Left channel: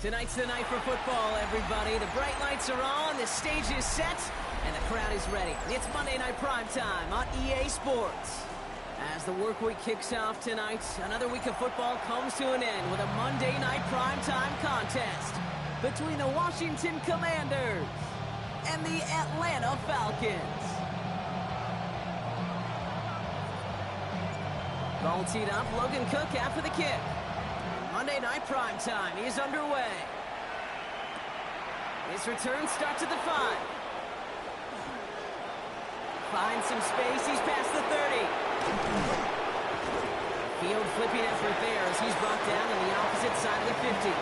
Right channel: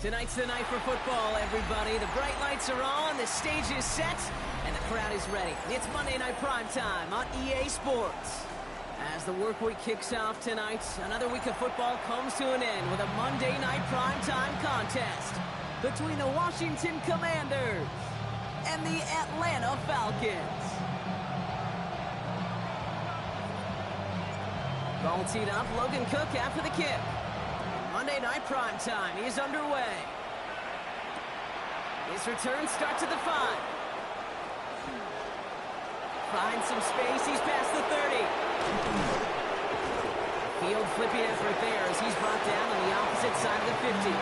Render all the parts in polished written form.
Tonight's the night for football, everybody. The bright lights are on, the stage is set, and the crowd is ready. It's Monday Night Primetime on EA Sports. As the work week kicks off tonight, another week of football comes to an end with a Monday Night Primetime contest between the Washington Commanders and the Atlanta Falcons. Ball teed up, Logan Cook after the kick. Monday Night Primetime is underway. His return starts at the 5. Finds some space, he's past the 30. Field flipping effort there as he's brought down on the opposite side of the 50.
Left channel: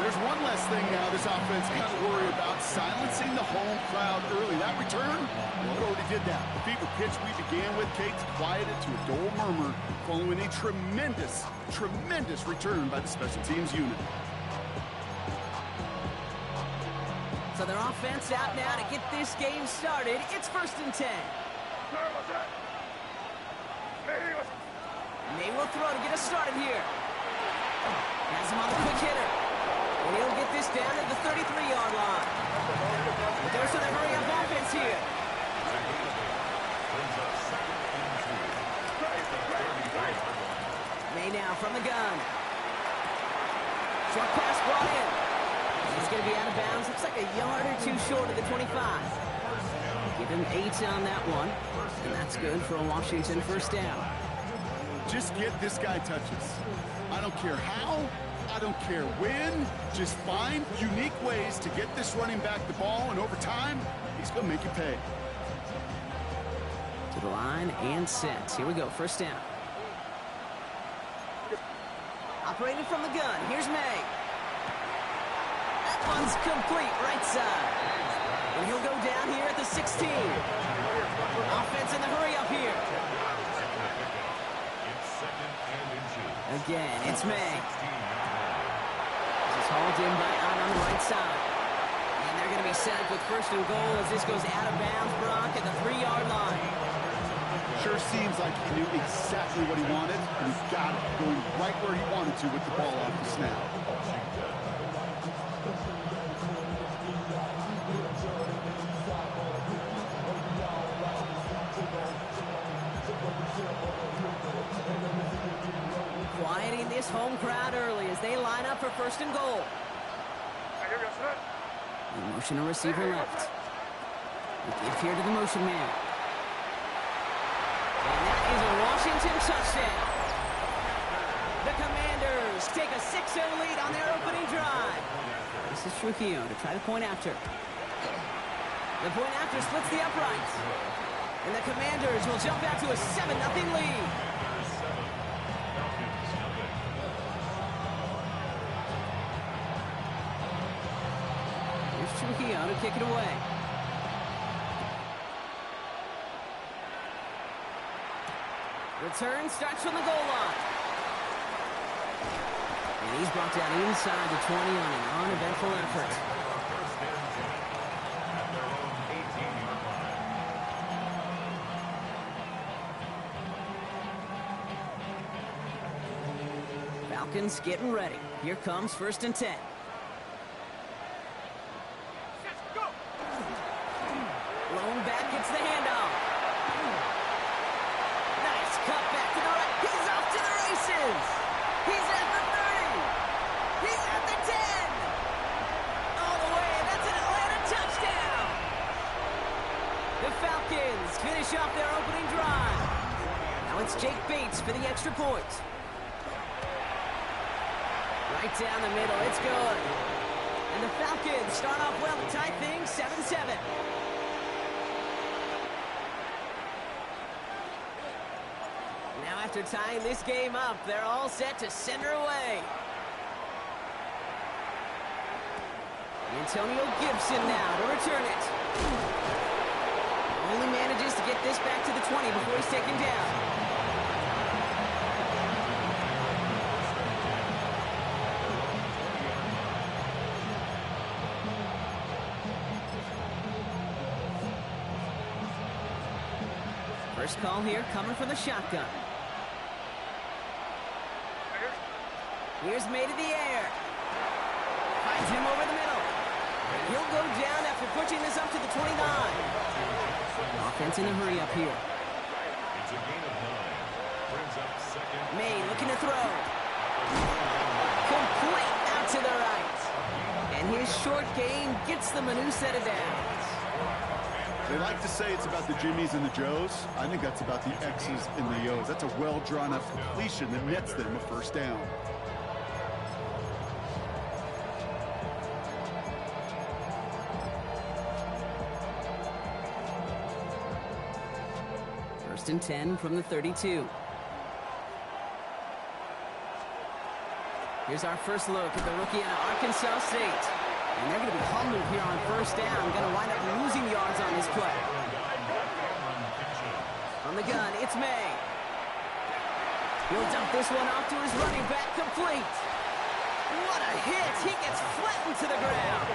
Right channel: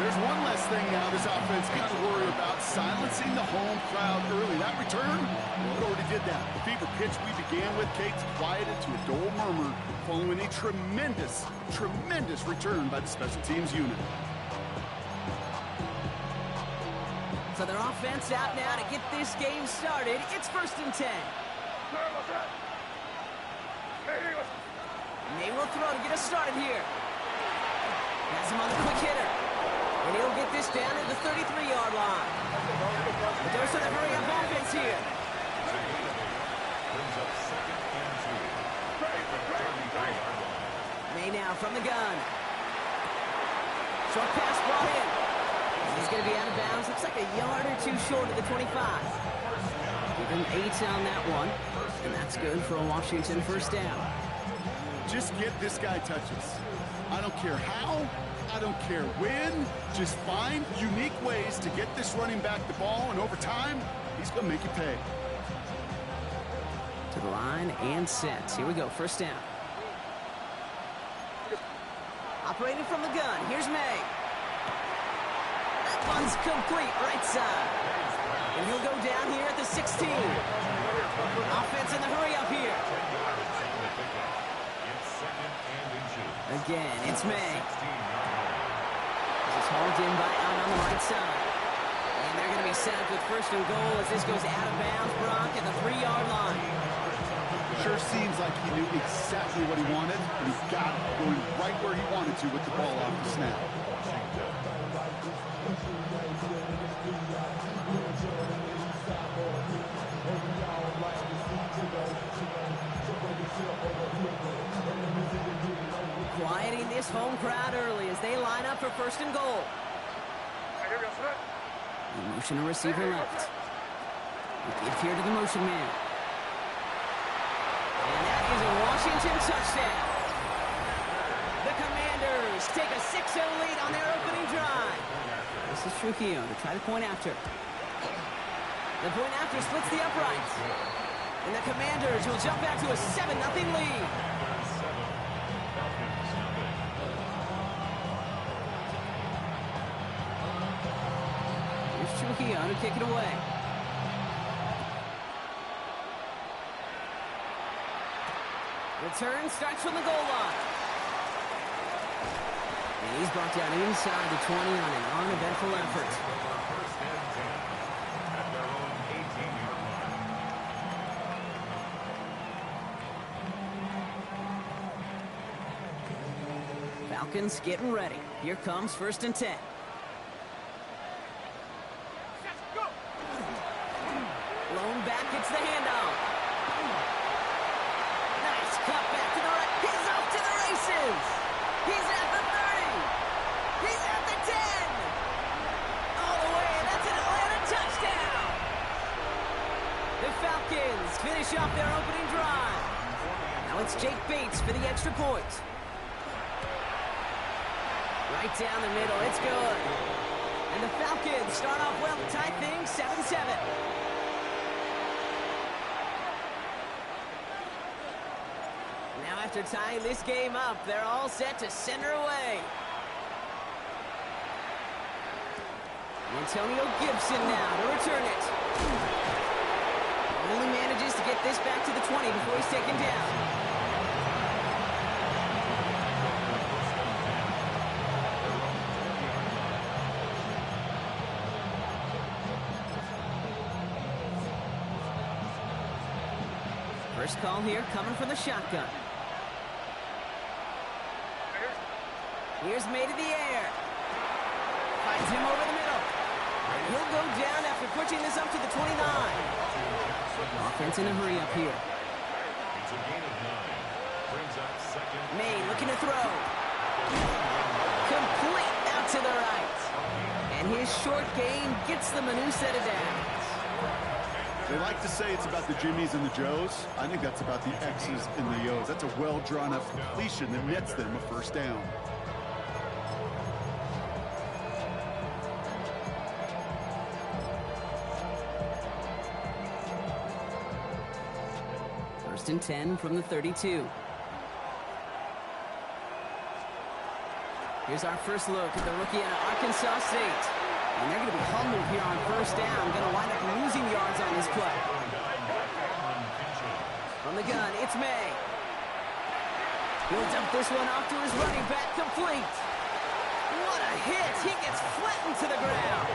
There's one less thing now this offense got to worry about, silencing the home crowd early. That return, well, it already did that. The fever pitch we began with, Kate's quieted to a dull murmur following a tremendous return by the special teams unit. So their offense out now to get this game started. It's 1st and 10. And they will throw to get us started here. Has him on the quick hitter. And he'll get this down at the 33-yard line. But there's a hurry-up offense here. May now from the gun. Short pass brought in. He's going to be out of bounds. Looks like a yard or two short of the 25. Give him 8 on that one. And that's good for a Washington first down. Just get this guy touches. I don't care how. I don't care when. Just find unique ways to get this running back the ball, and over time, he's going to make you pay. To the line and set. Here we go, first down. Operating from the gun. Here's May. That one's complete, right side. And he'll go down here at the 16. Offense in the hurry up here. Again, it's May. This is hauled in by on the right side. And they're going to be set up with 1st and goal as this goes out of bounds, Brock, at the 3-yard line. Sure seems like he knew exactly what he wanted, and he got it, going right where he wanted to with the ball off the snap. Quieting this home crowd early as they line up for 1st and goal. The motion a receiver left. We give here to the motion man. And that is a Washington touchdown. The Commanders take a 6-0 lead on their opening drive. This is Trujillo to try the point after. The point after splits the uprights. And the Commanders will jump back to a 7-0 lead. Here's Trujillo to kick it away. Return starts from the goal line. And he's brought down inside the 20 on an uneventful effort. First and 10 at their own 18-yard line. Falcons getting ready. Here comes 1st and 10. Lone back gets the handoff. Nice cut back to the right. He's off to the races. He's at the 30. He's at the 10. All the way. That's an Atlanta touchdown. The Falcons finish off their opening drive. Now it's Jake Bates for the extra point. Right down the middle. It's good. And the Falcons start off well to tie things 7-7. Now after tying this game up, they're all set to send her away. Antonio Gibson now to return it. Only manages to get this back to the 20 before he's taken down. First call here coming from the shotgun. Here's May to the air. Finds him over the middle. He'll go down after pushing this up to the 29. Offense in a hurry up here. It's a gain of 9. Brings up second. May looking to throw. Complete out to the right. And his short gain gets them a new set of downs. They like to say it's about the Jimmies and the Joes. I think that's about the X's and the O's. That's a well-drawn-up completion that nets them a first down. First and 10 from the 32. Here's our first look at the rookie out of Arkansas State. And they're going to be humbled here on first down. Going to wind up losing yards on this play. From the gun, it's May. He'll dump this one off to his running back, complete. What a hit. He gets flattened to the ground.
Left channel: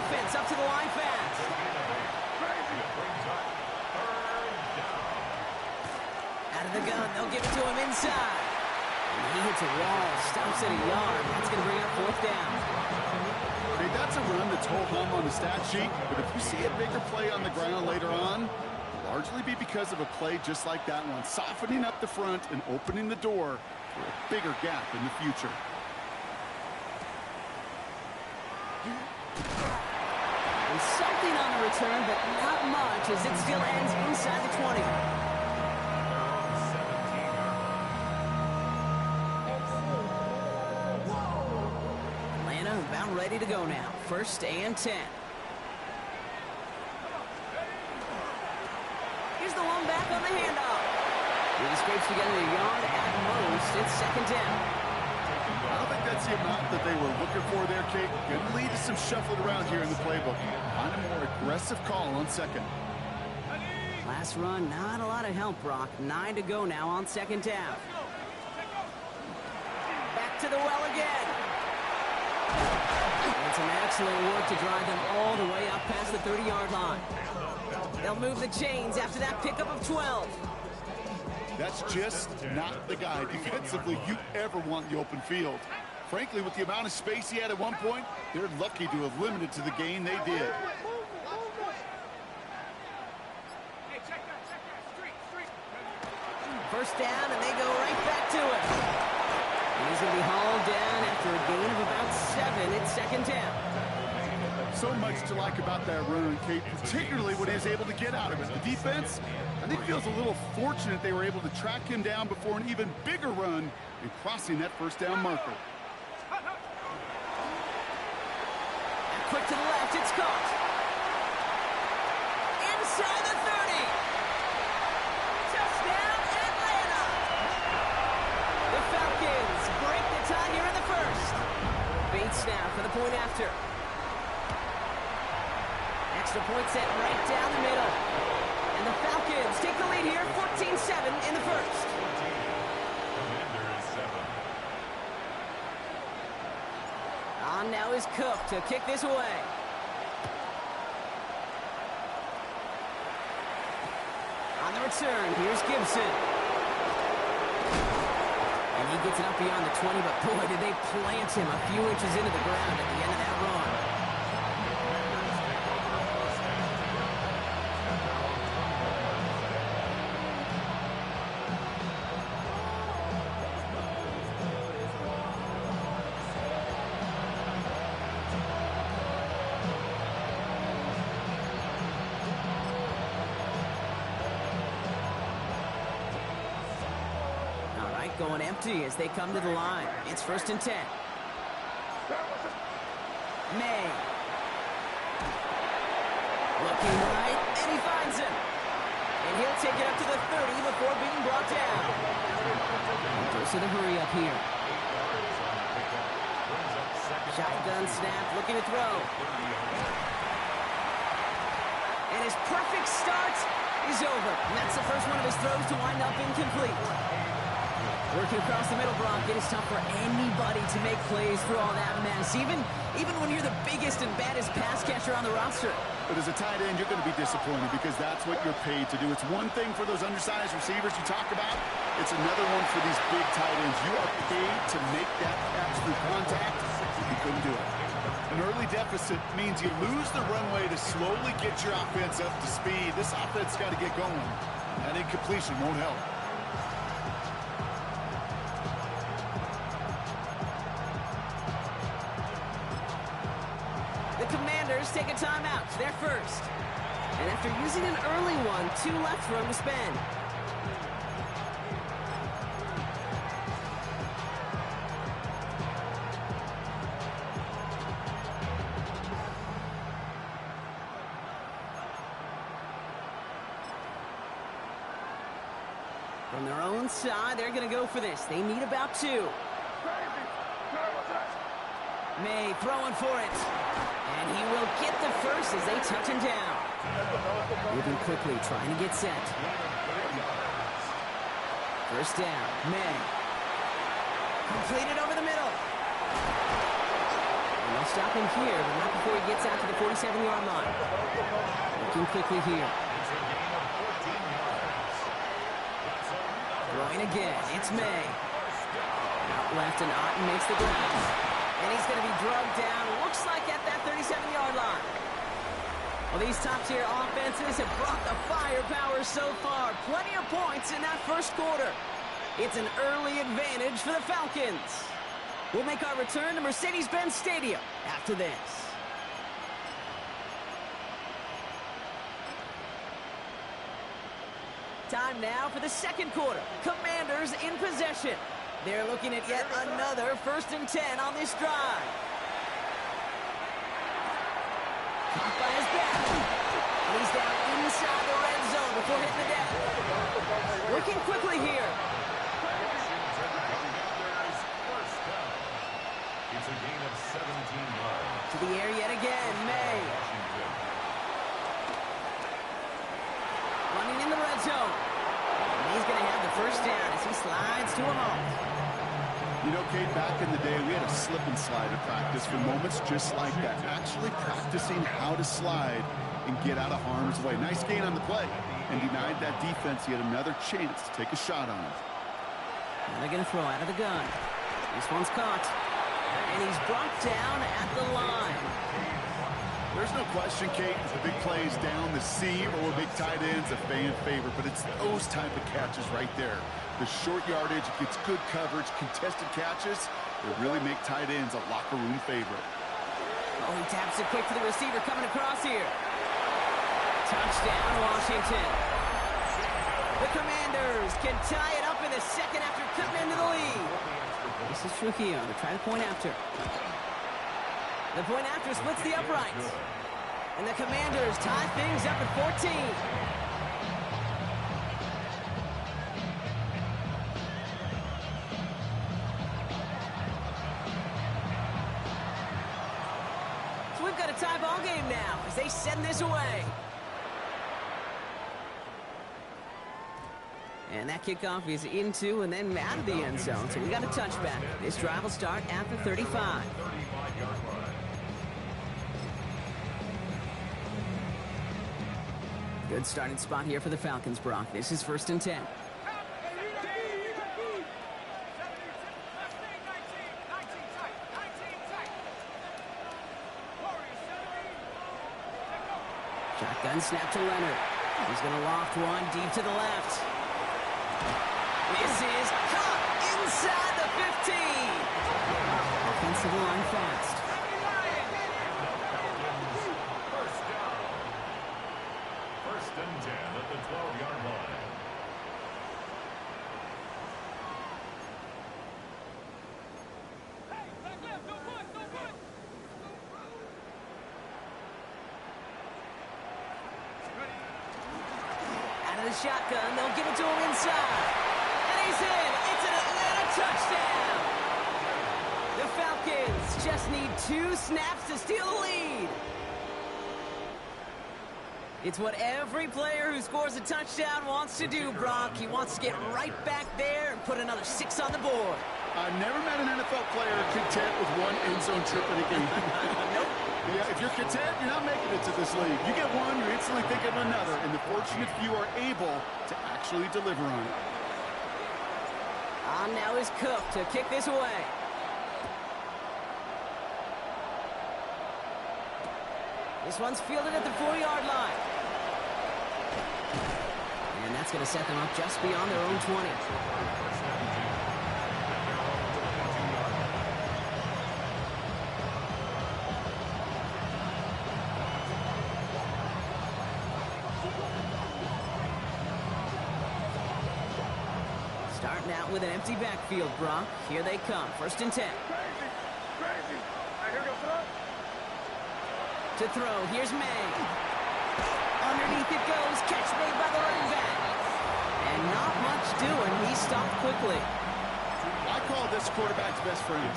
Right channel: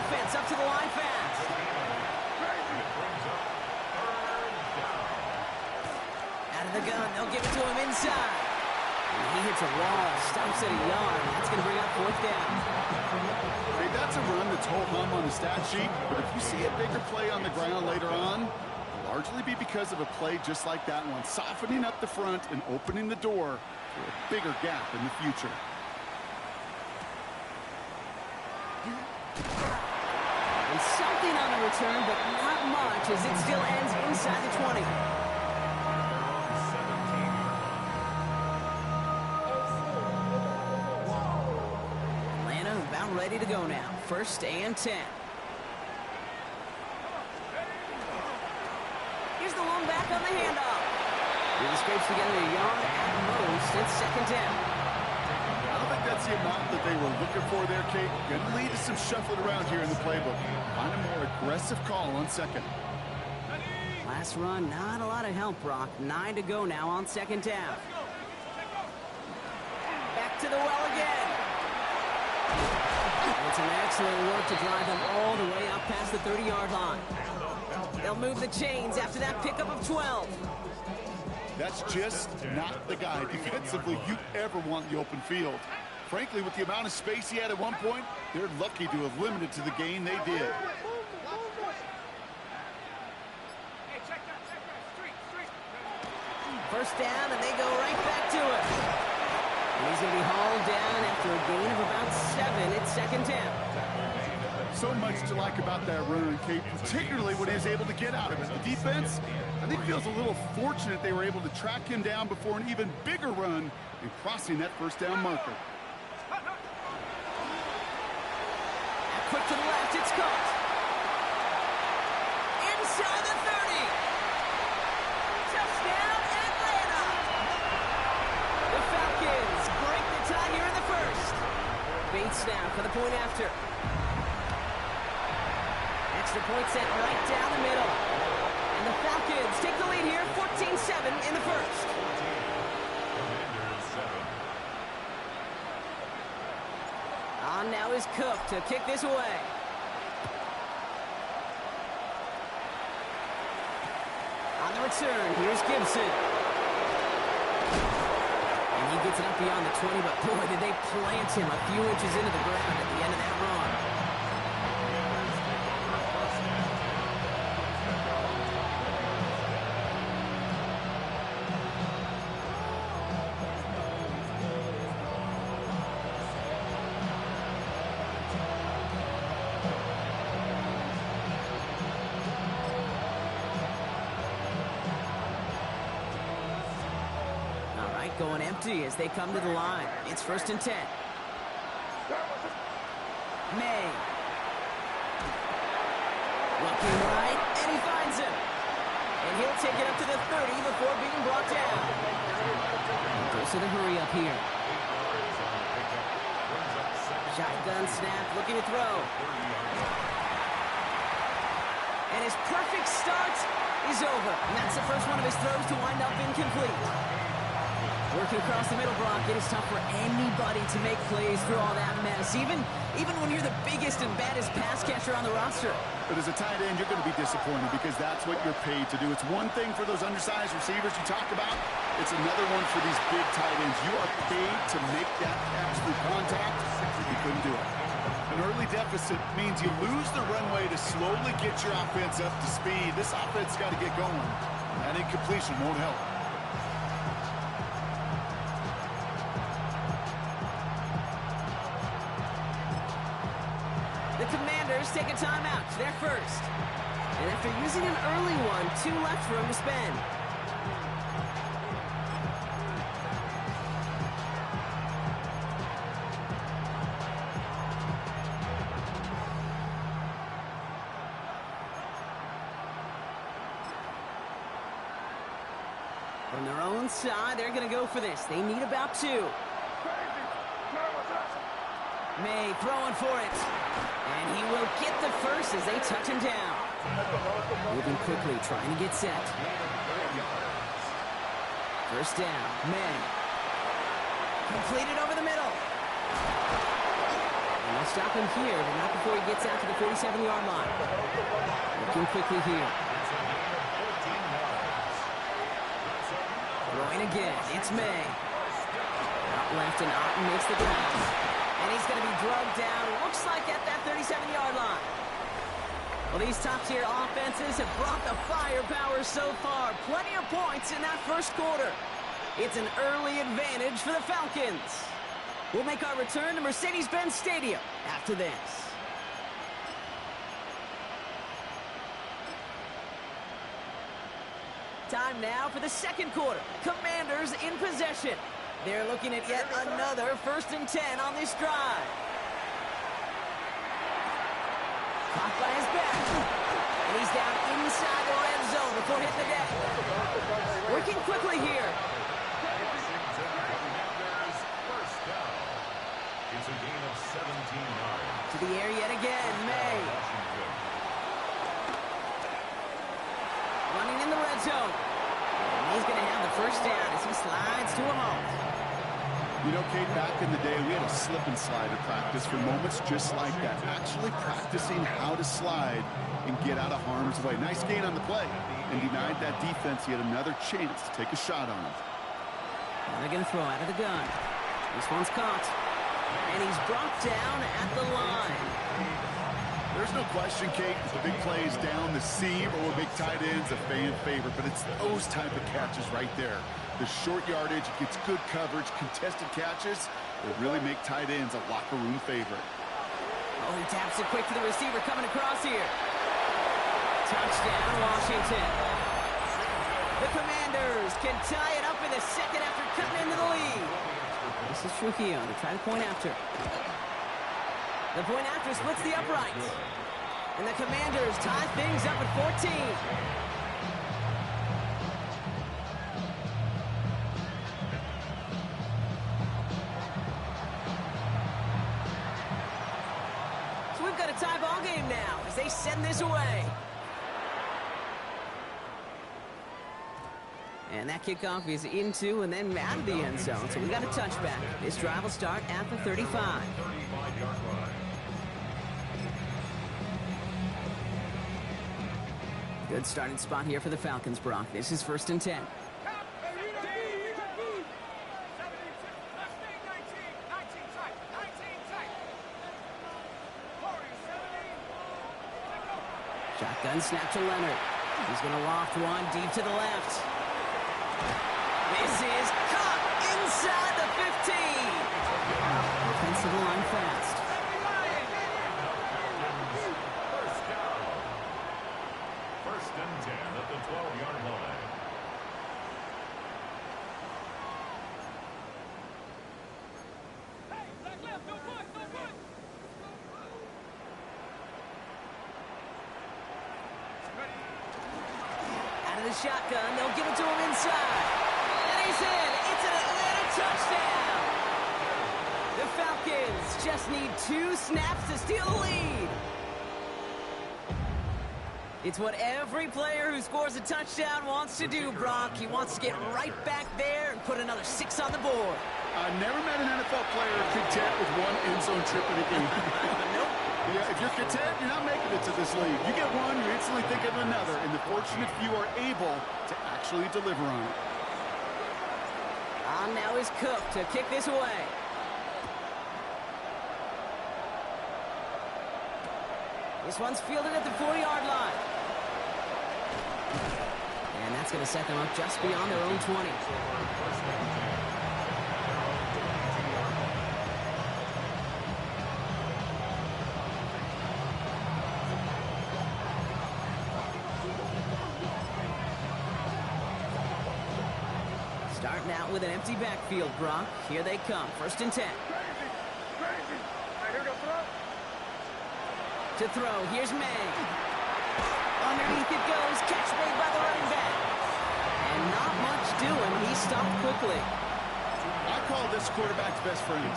Offense up to the line fast. Out of the gun, they'll give it to him inside. And he hits a wall, stops at a yard. That's going to bring up fourth down. Hey, that's a run that's ho-hum on the stat sheet, but if you see a bigger play on the ground later on, it'll largely be because of a play just like that one, softening up the front and opening the door for a bigger gap in the future. And something on the return, but not much, as it still ends inside the 20. About ready to go now. First and 10. Here's the one back on the handoff. He scrapes together a yard at most. It's second down. I don't think that's the amount that they were looking for there, Kate. Going to lead to some shuffling around here in the playbook. Find a more aggressive call on second. Last run, not a lot of help, Brock. 9 to go now on second down. Back to the well again. It's an excellent work to drive them all the way up past the 30-yard line. They'll move the chains after that pickup of 12. That's just not the guy defensively you ever want in the open field. Frankly, with the amount of space he had at one point, they're lucky to have limited to the gain they did. First down, and they go right back to it. And he's going to be hauled down after a gain of about 7. It's second down. So much to like about that run, Kate, particularly when he was able to get out of it. The defense, I think, feels a little fortunate they were able to track him down before an even bigger run and crossing that first down marker. And quick to the left, it's caught. Inside the 30. Touchdown, Atlanta. The Falcons break the tie here in the first. Bait snap for the point after. Extra point set right down the middle. And the Falcons take the lead here, 14-7 in the first. On now is Cook to kick this away. On the return, here's Gibson. And he gets it up beyond the 20, but boy, did they plant him a few inches into the ground at the end of that run. Going empty as they come to the line. It's first and 10. May. Looking right, and he finds him. And he'll take it up to the 30 before being brought down. Goes to the hurry up here. Shotgun snap, looking to throw. And his perfect start is over. And that's the first one of his throws to wind up incomplete. Working across the middle, Brock. It is tough for anybody to make plays through all that mess, even when you're the biggest and baddest pass catcher on the roster. But as a tight end, you're going to be disappointed because that's what you're paid to do. It's one thing for those undersized receivers you talk about. It's another one for these big tight ends. You are paid to make that catch through contact. You couldn't do it. An early deficit means you lose the runway to slowly get your offense up to speed. This offense got to get going. That incompletion won't help. The Commanders take a timeout. They're first. And after using an early one, 2 left for them to spend. From their own side, they're going to go for this. They need about 2. May throwing for it. And he will get the first as they touch him down. Moving quickly, trying to get set. First down, May. Completed over the middle. And they'll stop him here, but not before he gets out to the 47-yard line. Looking quickly here. Throwing again, it's May. Out left, and Otten makes the ground. And he's going to be drugged down, looks like at that 37-yard line. Well, these top-tier offenses have brought the firepower so far. Plenty of points in that first quarter. It's an early advantage for the Falcons. We'll make our return to Mercedes-Benz Stadium after this. Time now for the second quarter. Commanders in possession. They're looking at yet another 1st and 10 on this drive. Caught by his back. And he's down inside the red zone before hitting the deck. Working quickly here. It's a gain of 17 yards. To the air yet again, May. Running in the red zone. And he's going to have the first down as he slides to a halt. You know, Kate, back in the day, we had a slip and slide at practice for moments just like that. Actually practicing how to slide and get out of harm's way. Nice gain on the play. And denied that defense yet another chance to take a shot on him. Now they're going to throw out of the gun. This one's caught. And he's brought down at the line. There's no question, Kate, the big plays down the seam or big tight ends a fan favorite, but it's those type of catches right there. The short yardage, it gets good coverage, contested catches, they really make tight ends a locker room favorite. Oh, he taps it quick to the receiver coming across here. Touchdown, Washington. The Commanders can tie it up in the second after cutting into the lead. This is Trujillo to try the point after. The point after splits the uprights. And the Commanders tie things up at 14. So we've got a tie ball game now as they send this away. And that kickoff is into and then out of the end zone. So we got a touchback. This drive will start at the 35. 35-yard line. Good starting spot here for the Falcons, Brock. This is 1st and 10. Shotgun snap to Leonard. He's going to loft one deep to the left. This is caught inside the 15. Offensive line fast. First down. 1st and 10 at the 12-yard line. Out of the shotgun, they'll give it to him inside. And he's in. It's an Atlanta touchdown. The Falcons just need 2 snaps to steal the lead. It's what every player who scores a touchdown wants to do, Brock. He wants to get right back there and put another 6 on the board. I've never met an NFL player content with one end zone trip in a game. Nope. Yeah, if you're content, you're not making it to this league. You get one, you instantly think of another, and the fortunate few are able to actually deliver on it. On now is Cook to kick this away. This one's fielded at the 40-yard line. And that's going to set them up just beyond their own 20. Starting out with an empty backfield, Brock. Here they come. 1st and 10. Crazy. I hear go throw. To throw, here's May. Underneath it goes, catch made by the running back. And not much doing, he stopped quickly. I call this quarterback's best friend.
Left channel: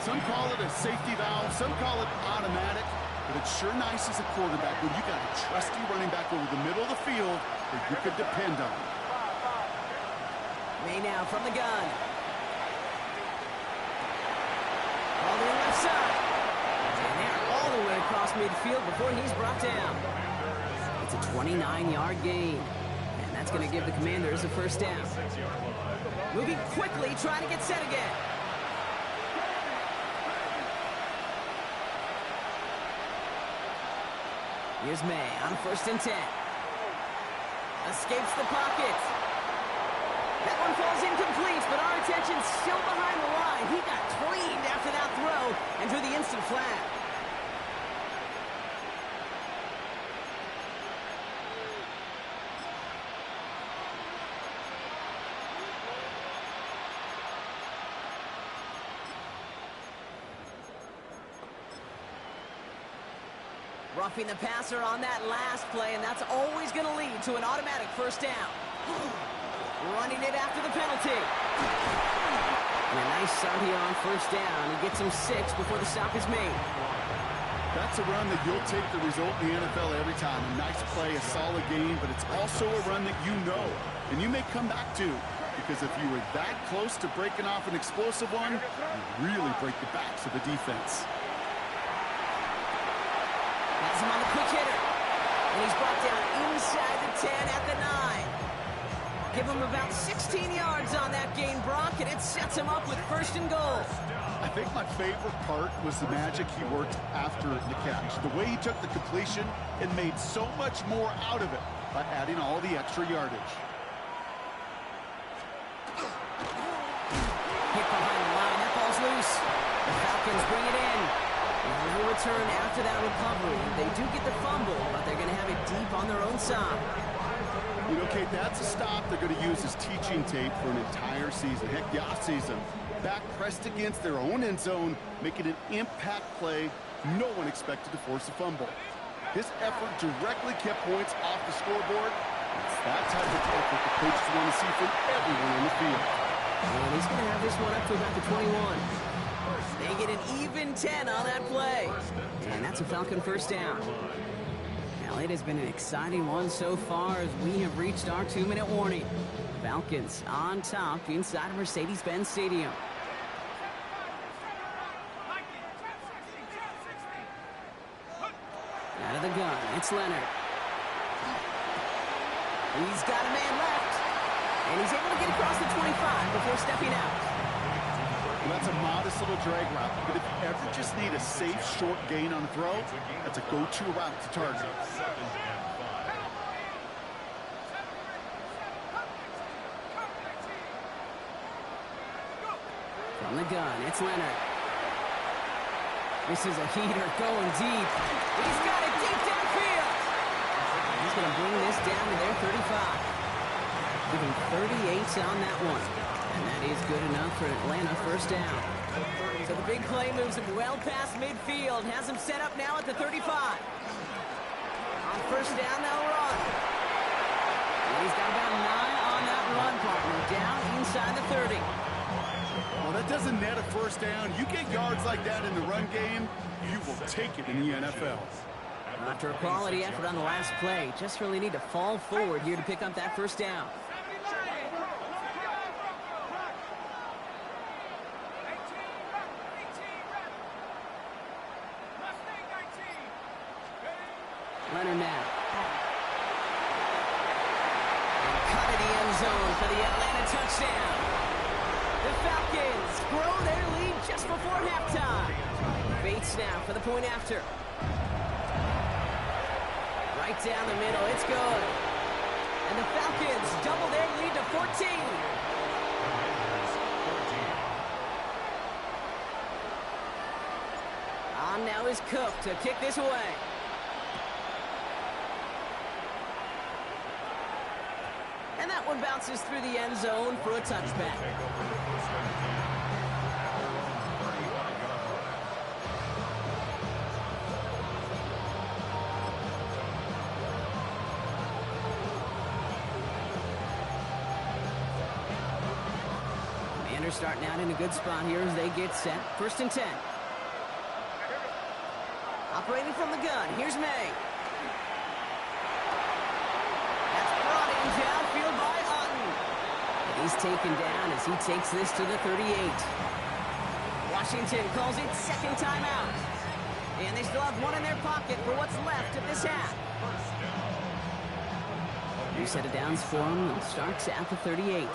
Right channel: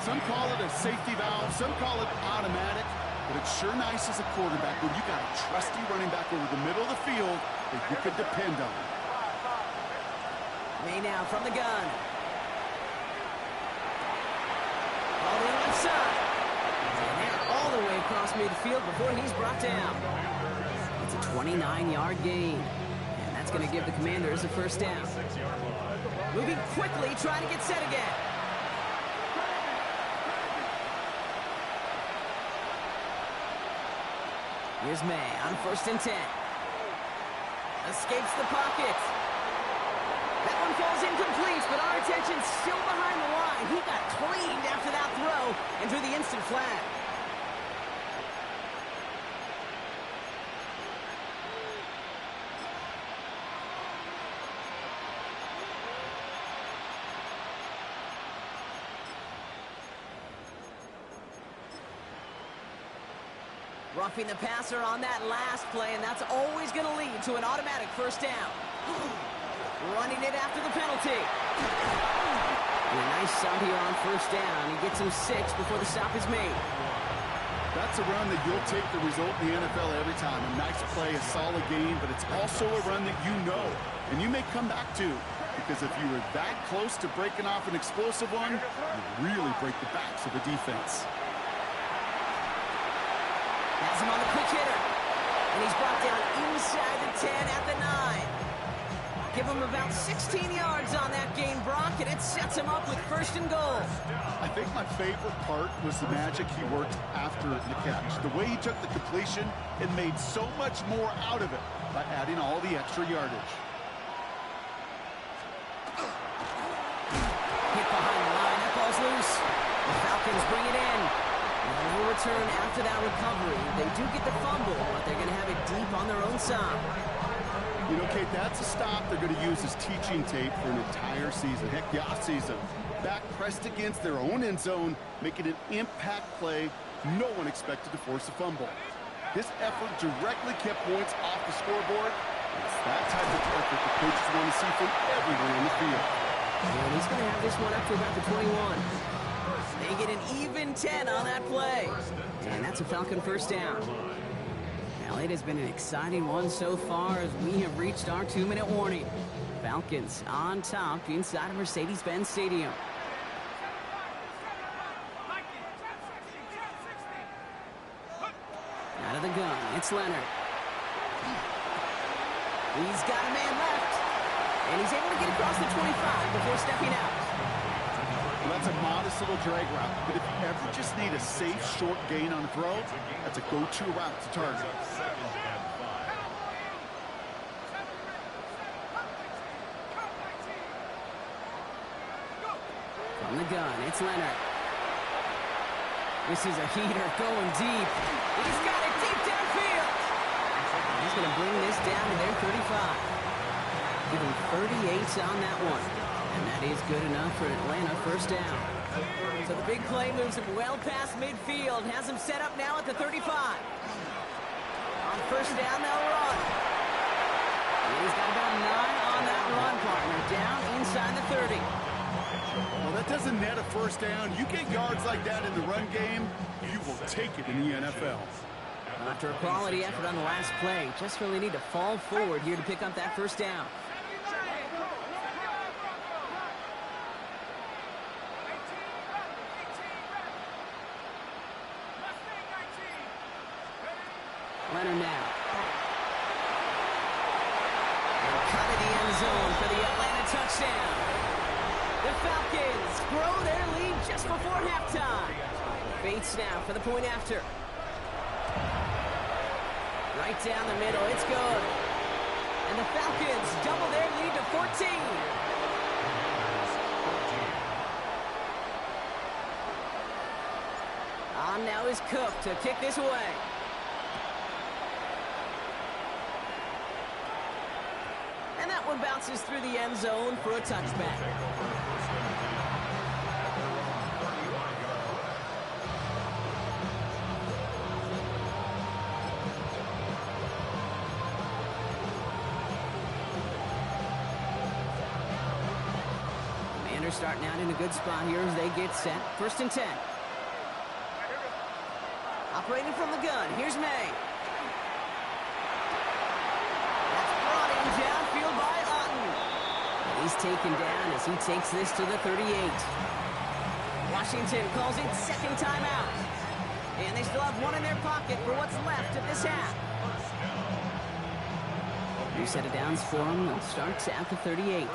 Some call it a safety valve, some call it automatic, but it's sure nice as a quarterback when you got a trusty running back over the middle of the field that you could depend on. May now from the gun. All the left side. And they're all the way across midfield before he's brought down. It's a 29-yard gain. And that's going to give the Commanders a 1st down. Moving quickly, trying to get set again. Here's May on 1st and 10. Escapes the pocket. That one falls incomplete, but our attention's still behind the line. He got cleaned after that throw and drew the instant flag. Roughing the passer on that last play, and that's always going to lead to an automatic 1st down. Running it after the penalty. And a nice start here on 1st down. He gets him 6 before the stop is made. That's a run that you'll take the result in the NFL every time. A nice play, a solid game, but it's also a run that you know, and you may come back to. Because if you were that close to breaking off an explosive one, you really break the backs of the defense. Has him on the quick hitter. And he's brought down inside the 10 at the 9. Give him about 16 yards on that gain, Brock, and it sets him up with 1st and goal. I think my favorite part was the magic he worked after the catch. The way he took the completion and made so much more out of it by adding all the extra yardage. Hit behind the line. That ball's loose. The Falcons bring it in. No return after that recovery. They do get the fumble, but they're going to have it deep on their own side. You know, Kate, that's a stop they're going to use as teaching tape for an entire season. Heck, the offseason. Back pressed against their own end zone, making an impact play no one expected to force a fumble. His effort directly kept points off the scoreboard. It's that type of effort the coaches want to see from everyone on the field. And he's going to have this one up to about the 21. They get an even 10 on that play. And that's a Falcon 1st down. Now, it has been an exciting one so far as we have reached our 2-minute warning. Falcons on top inside of Mercedes-Benz Stadium. Out of the gun, it's Leonard. He's got a man left. And he's able to get across the 25 before stepping out. Well, that's a modest little drag route, but if you ever just need a safe, short gain on a throw, that's a go-to route to target. From the gun, it's Leonard. This is a heater going deep. He's got it deep downfield. He's going to bring this down to their 35. Give him 38 on that one. And that is good enough for Atlanta 1st down. So the big play moves him well past midfield. Has him set up now at the 35. On 1st down, they'll run. And he's got about 9 on that run, partner. Down inside the 30. Well, that doesn't net a 1st down. You get yards like that in the run game, you will take it in the NFL. After a quality effort on the last play, just really need to fall forward here to pick up that first down. Leonard now. And cut in the end zone for the Atlanta touchdown. The Falcons grow their lead just before halftime. Bates now for the point after. Right down the middle, it's good. And the Falcons double their lead to 14. On now is Cook to kick this away. And that one bounces through the end zone for a touchback. Commanders starting out in a good spot here as they get set. 1st and 10. Operating from the gun, here's May. Brought in downfield by Otten. And he's taken down as he takes this to the 38. Washington calls it second timeout. And they still have one in their pocket for what's left of this half. New set of downs for them. They'll start at the 38.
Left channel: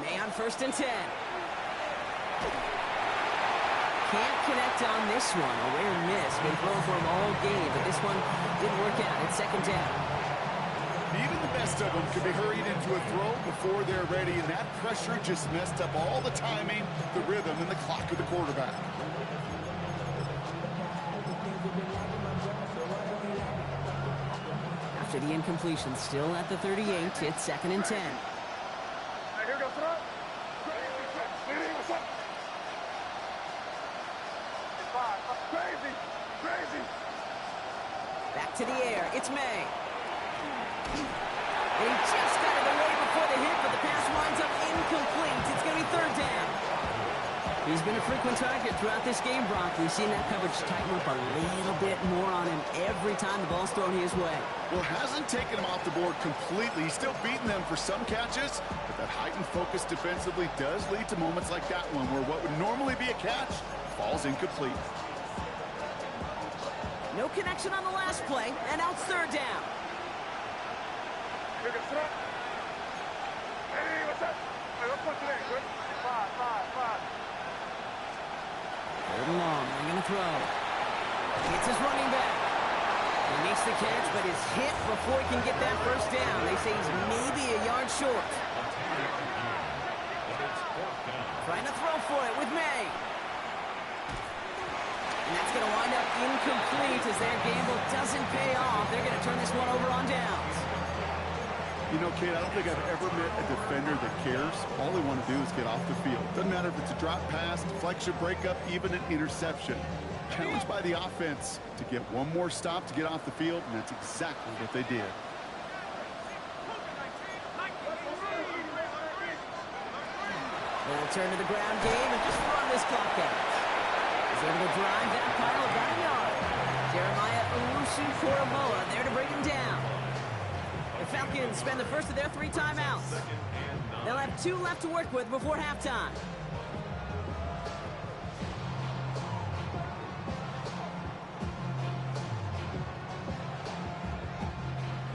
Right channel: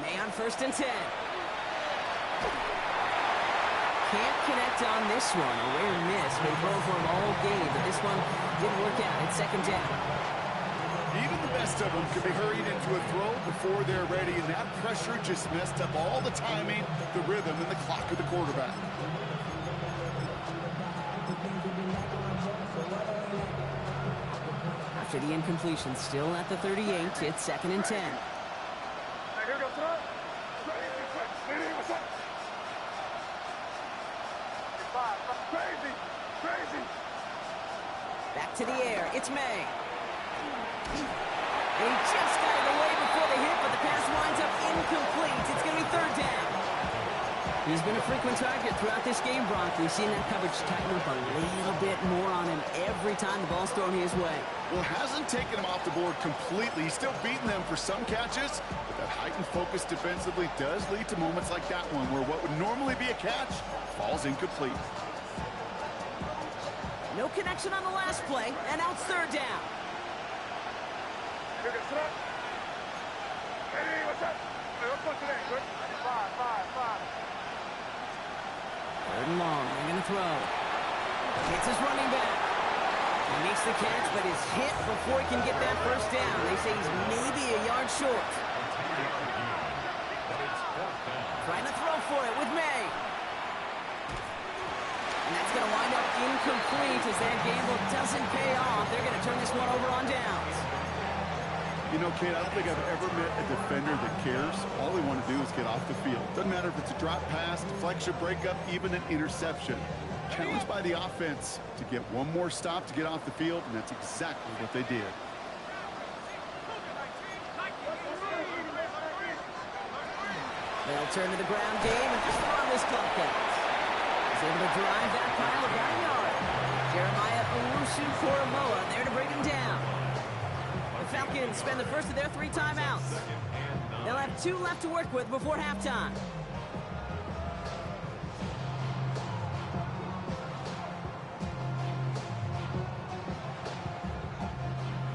May on 1st and 10. Can't connect on this one. A rare miss. Been thrown for him all game, but this one didn't work out. It's 2nd down. Even the best of them can be hurried into a throw before they're ready, and that pressure just messed up all the timing, the rhythm, and the clock of the quarterback. After the incompletion, still at the 38, it's 2nd and 10. Crazy. Back to the air. It's May. And he just got it away before the hit, but the pass winds up incomplete. It's going to be 3rd down. He's been a frequent target throughout this game, Brock. We've seen that coverage tighten up a little bit more on him every time the ball's thrown his way. Well, hasn't taken him off the board completely. He's still beating them for some catches, but that heightened focus defensively does lead to moments like that one where what would normally be a catch falls incomplete. No connection on the last play, and now it's 3rd down. Hey, what's up? Hey, what's up today? Good? 5. 3rd and long. They're going to throw. It's his running back. He makes the catch, but is hit before he can get that first down. They say he's maybe a yard short. Trying to throw for it with May. And that's going to wind up incomplete as their gamble doesn't pay off. They're going to turn this one over on downs. You know, Kate, I don't think I've ever met a defender that cares. All they want to do is get off the field. Doesn't matter if it's a drop pass, deflection, breakup, even an interception. Challenged by the offense to get one more stop to get off the field, and that's exactly what they did. They'll turn to the ground game and just run this clock out. He's able to drive that pile about a yard. Jeremiah Owusu-Koromoa there to bring him down. The Falcons spend the first of their 3 timeouts. They'll have 2 left to work with before halftime.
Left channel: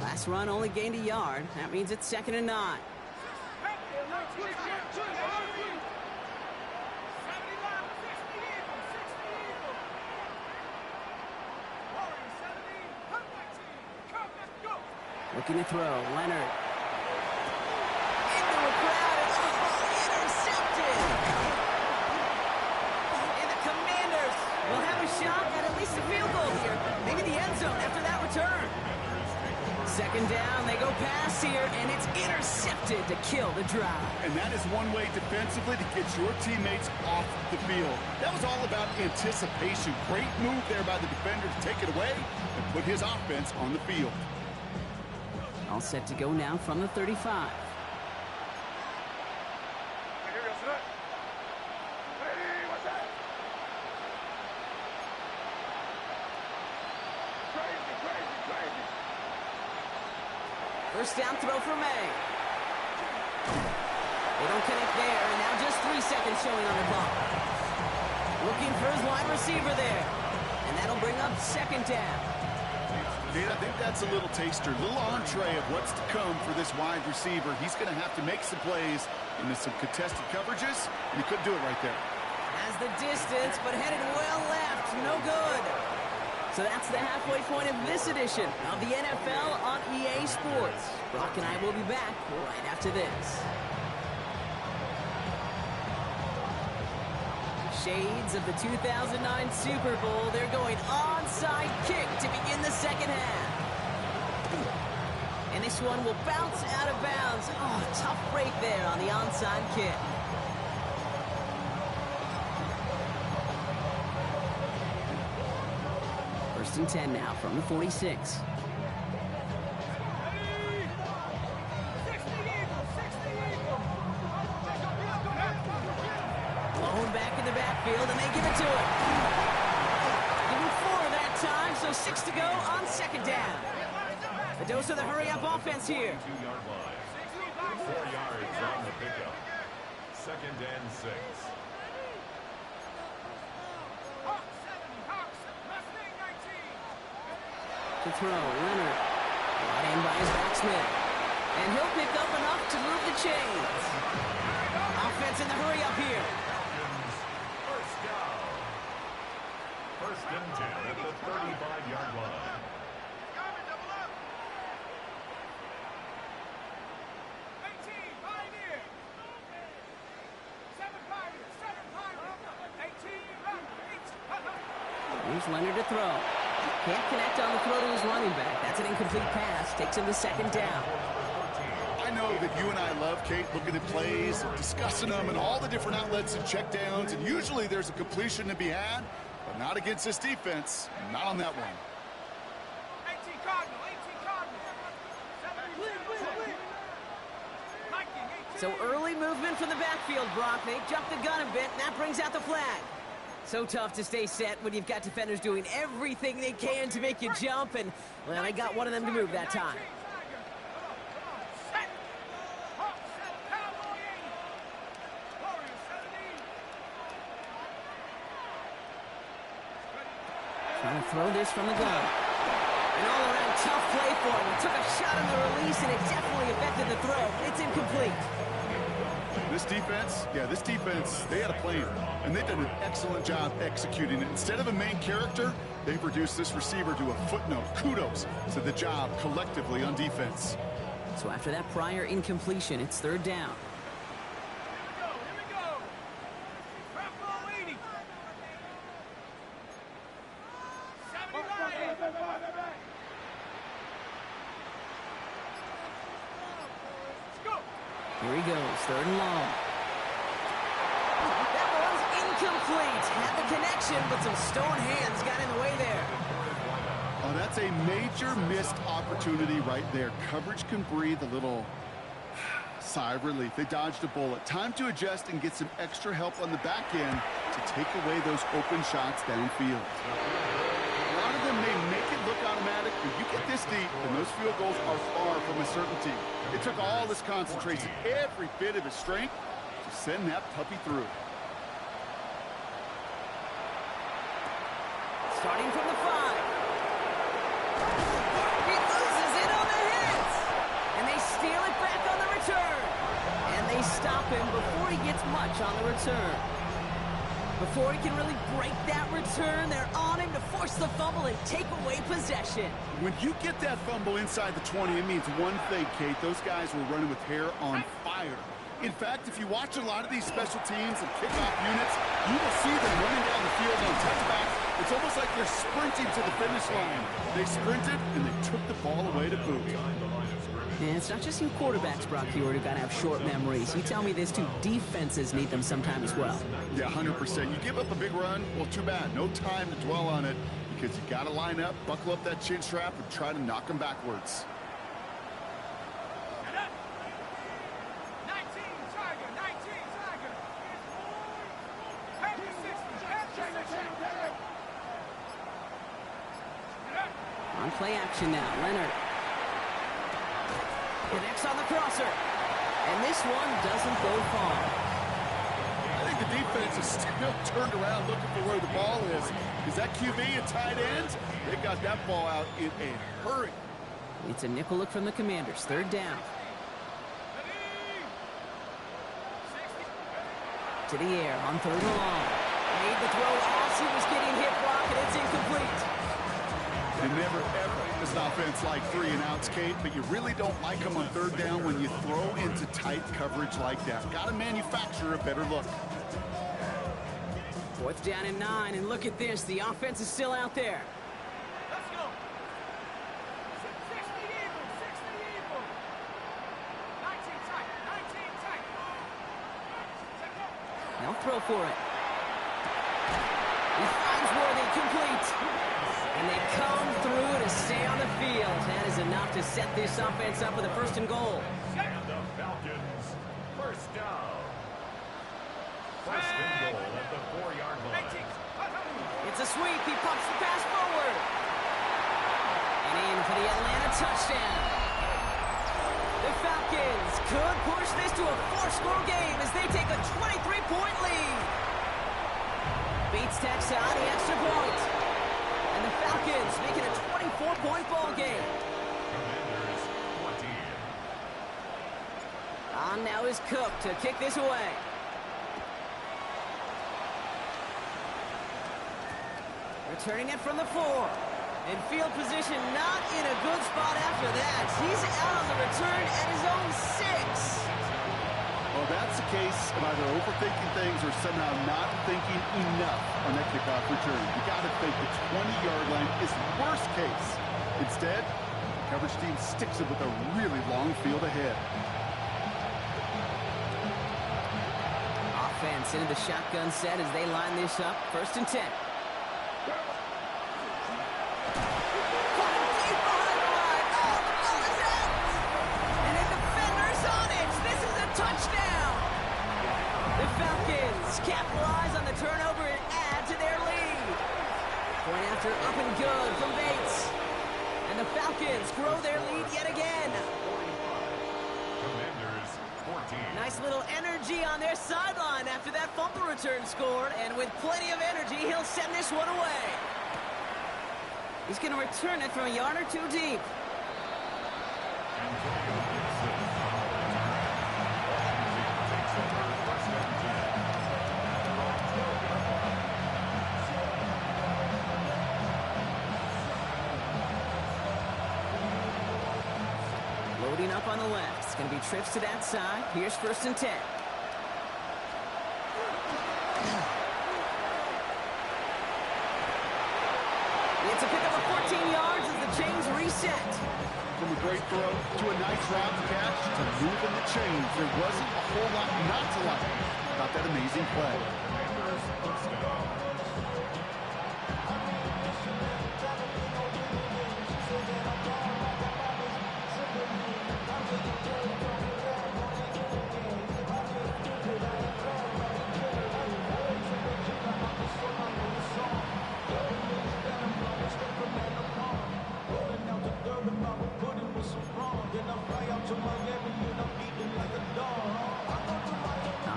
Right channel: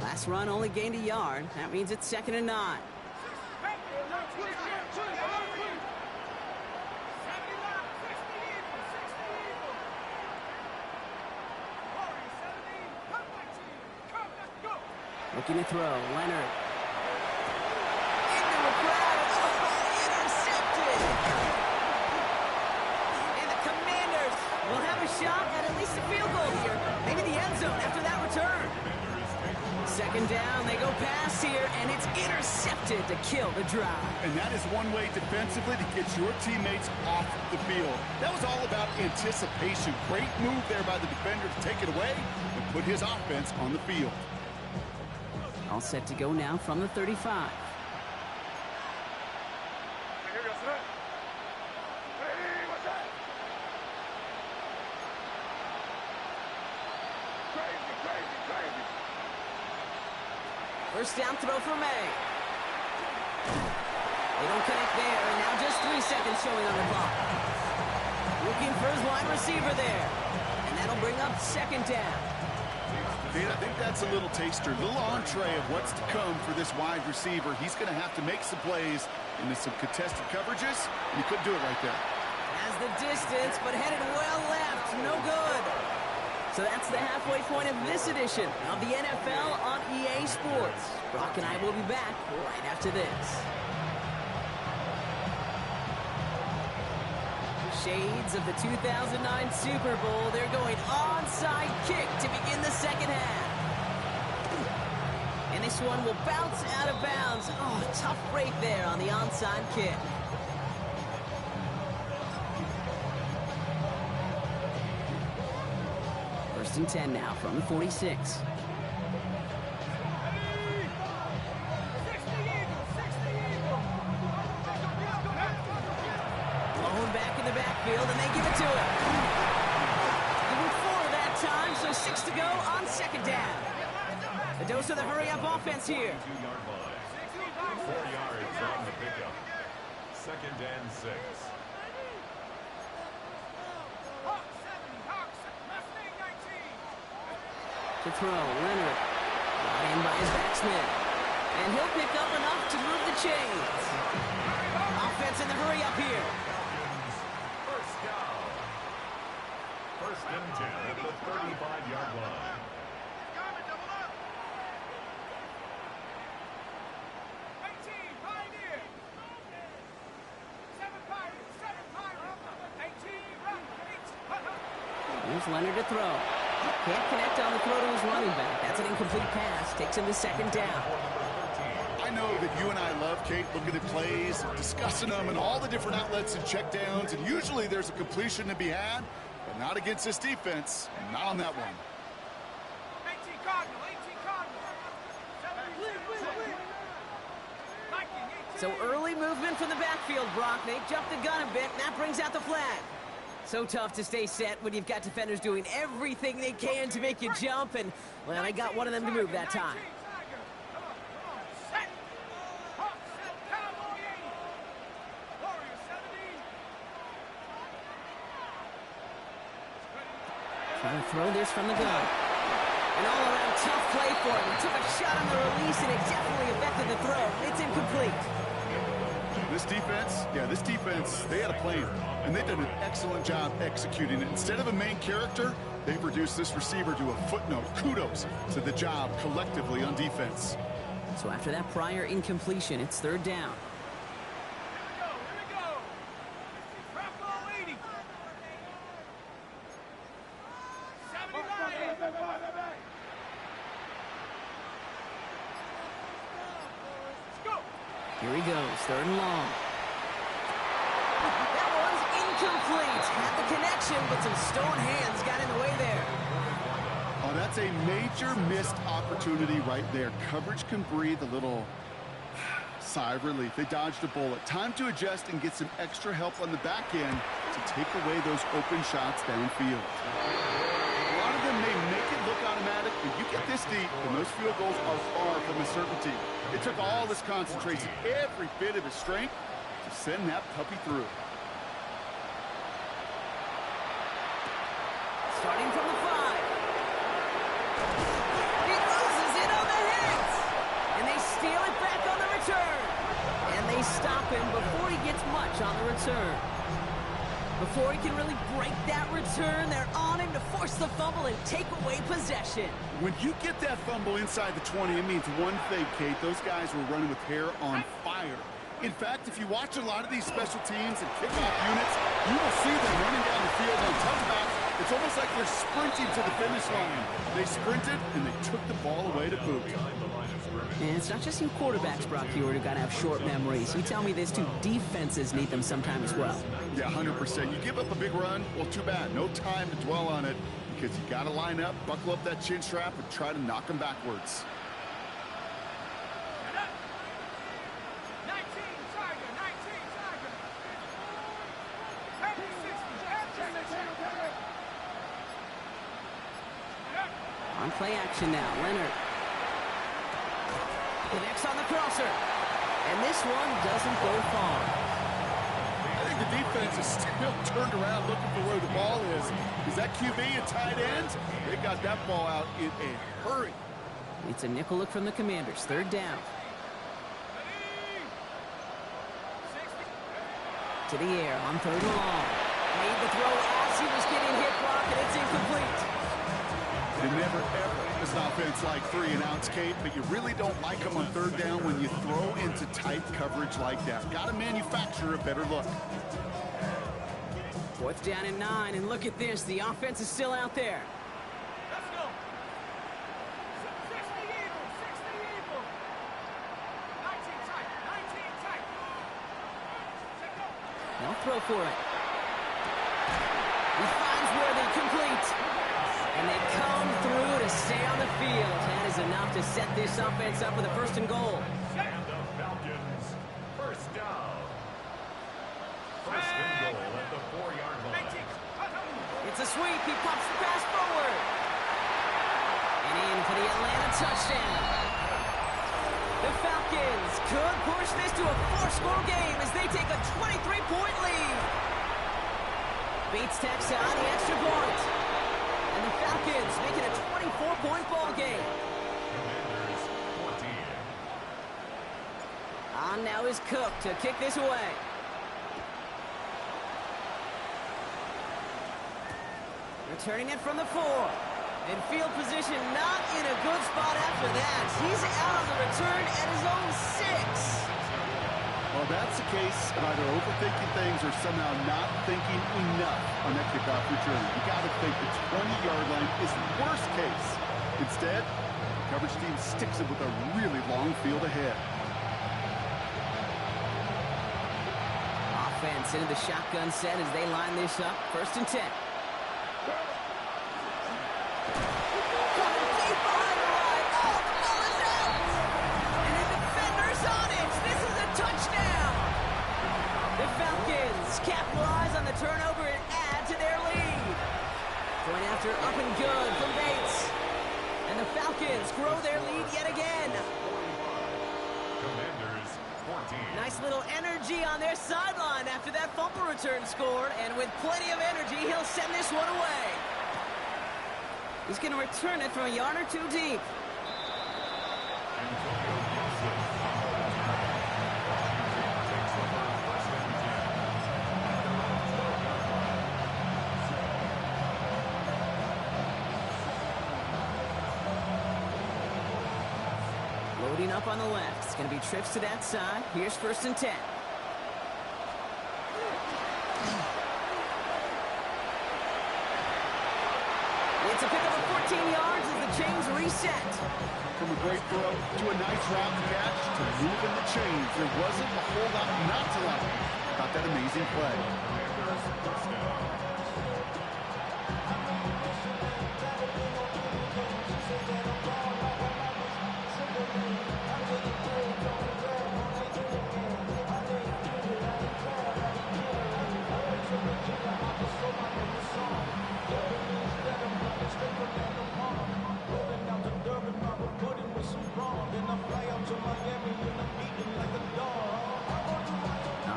Last run only gained a yard. That means it's 2nd and 9. Looking to throw. Leonard. Into a crowd. And intercepted. And the Commanders will have a shot at least a field goal here. Maybe the end zone after that return. 2nd down. They go pass here, and it's intercepted to kill the drive. And that is one way defensively to get your teammates off the field. That was all about anticipation. Great move there by the defender to take it away and put his offense on the field. All set to go now from the 35. First down throw for May. They don't connect there, and now just 3 seconds showing on the clock. Looking for his wide receiver there. And that'll bring up second down. Kate, I think that's a little taster, a little entree of what's to come for this wide receiver. He's going to have to make some plays into some contested coverages, and he couldn't do it right there. Has the distance, but headed well left. No good. So that's the halfway point of this edition of the NFL on EA Sports. Brock and I will be back right after this. Shades of the 2009 Super Bowl. They're going onside kick to begin the second half. And this one will bounce out of bounds. Oh, tough break there on the onside kick. First and 10 now from the 46. Blown back in the backfield, and they give it to him. Give him 4 that time, so 6 to go on second down. The dose of the hurry-up offense here. 2-yard line. 4 yards on the pickup. Second and 6. To throw, Leonard. Brought in by his backsman. And he'll pick up enough to move the chains. Offense in the hurry-up here. Falcons, first down. First and 10 at the 35-yard line. 18, Pioneer. 7 Pirates, 7 Pirates. 18, Here's Leonard to throw. Can't connect on the throw to his running back. That's an incomplete pass. Takes him to second down. I know that you and I love, Kate, looking at plays and discussing them and all the different outlets and checkdowns, and usually there's a completion to be had, but not against this defense. Not on that one. 18 Cardinal, 18 Cardinal. 17, So early movement from the backfield, Brock. They jumped the gun a bit, and that brings out the flag. So tough to stay set when you've got defenders doing everything they can to make you jump, and, well, I got one of them to move that time. Trying to throw this from the gun. An all-around tough play for him. He took a shot on the release, and it definitely affected the throw. It's incomplete. This defense, they had a plan, and they've done an excellent job executing it. Instead of a main character, they've reduced this receiver to a footnote. Kudos to the job collectively on defense. So after that prior incompletion, it's third down. Here we go. Bravo 80. 79. Let's go. Here he goes, third and long. That one's incomplete. Had the connection, but some stone hands got in the way there. Oh, that's a major missed opportunity right there. Coverage can breathe a little sigh of relief. They dodged a bullet. Time to adjust and get some extra help on the back end to take away those open shots downfield. A lot of them may make it look automatic, but you get this deep, and those field goals are far from a certainty. It took all this concentration, every bit of his strength, to send that puppy through. Starting from the 5. He loses it on the hit. And they steal it back on the return. And they stop him before he gets much on the return. Before he can really break that return, they're on him to force the fumble and take away possession. When you get that fumble inside the 20, it means one thing, Kate. Those guys were running with hair on fire. In fact, if you watch a lot of these special teams and kickoff units, you will see them running down the field on touchbacks. It's almost like they're sprinting to the finish line. They sprinted, and they took the ball away to boot. And it's not just you quarterbacks, Brock Hewitt, who got to have short memories. You tell me this too, defenses need them sometime as well. Yeah, 100%. You give up a big run, well, too bad. No time to dwell on it because you got to line up, buckle up that chin strap, and try to knock them backwards. 19 Tiger, 19 Tiger. Head to 60, check. On play action now, Leonard. Connects on the crosser. And this one doesn't go far. I think the defense is still turned around looking for where the ball is. Is that QB and tight end? They got that ball out in a hurry. It's a nickel look from the Commanders. Third down. To the air on third and long. Made the throw as he was getting hit block, and it's incomplete. You never, ever, as an offense, like 3-and-outs, Kate, but you really don't like them on third down when you throw into tight coverage like that. Got to manufacture a better look. Fourth down and 9, and look at this. The offense is still out there. Let's go. 60 evil, 60 evil. 19 tight, 19 tight. They'll throw for it. He finds Worthy, complete. And they come through to stay on the field. That is enough to set this offense up with a first and goal. And the Falcons, first down. First and goal at the 4-yard line. It's a sweep. He pops the pass forward. And in for the Atlanta touchdown. The Falcons could push this to a 4-score game as they take a 23-point lead. Beats Texas on the extra point. And the Falcons make it a 24-point ball game. Commanders, 14. On now is Cook to kick this away. Returning it from the 4. In field position, not in a good spot after that. He's out on the return at his own 6. Well, that's the case of either overthinking things or somehow not thinking enough on that kickoff return. You got to think the 20-yard line is worst case. Instead, the coverage team sticks it with a really long field ahead. Offense into the shotgun set as they line this up. First and 10. Coming deep behind the line. Oh, the ball is out. And the defender's on it. This is a touchdown. The Falcons capitalize on the turnover and add to their lead. Point after up and good from Bates. And the Falcons grow their lead yet again. 45. Commanders, 14. Nice little energy on their sideline after that fumble return scored. And with plenty of energy, he'll send this one away. He's going to return it from a yard or 2 deep. Antonio Gibson on the return. Washington takes over first and 10 at their own 12-yard line. Loading up on the left. It's going to be trips to that side. Here's first and 10. It's a pickup of 14 yards as the chains reset. From a great throw to a nice route catch to moving the chains. There wasn't a whole lot not to like about that amazing play. Commanders, first down.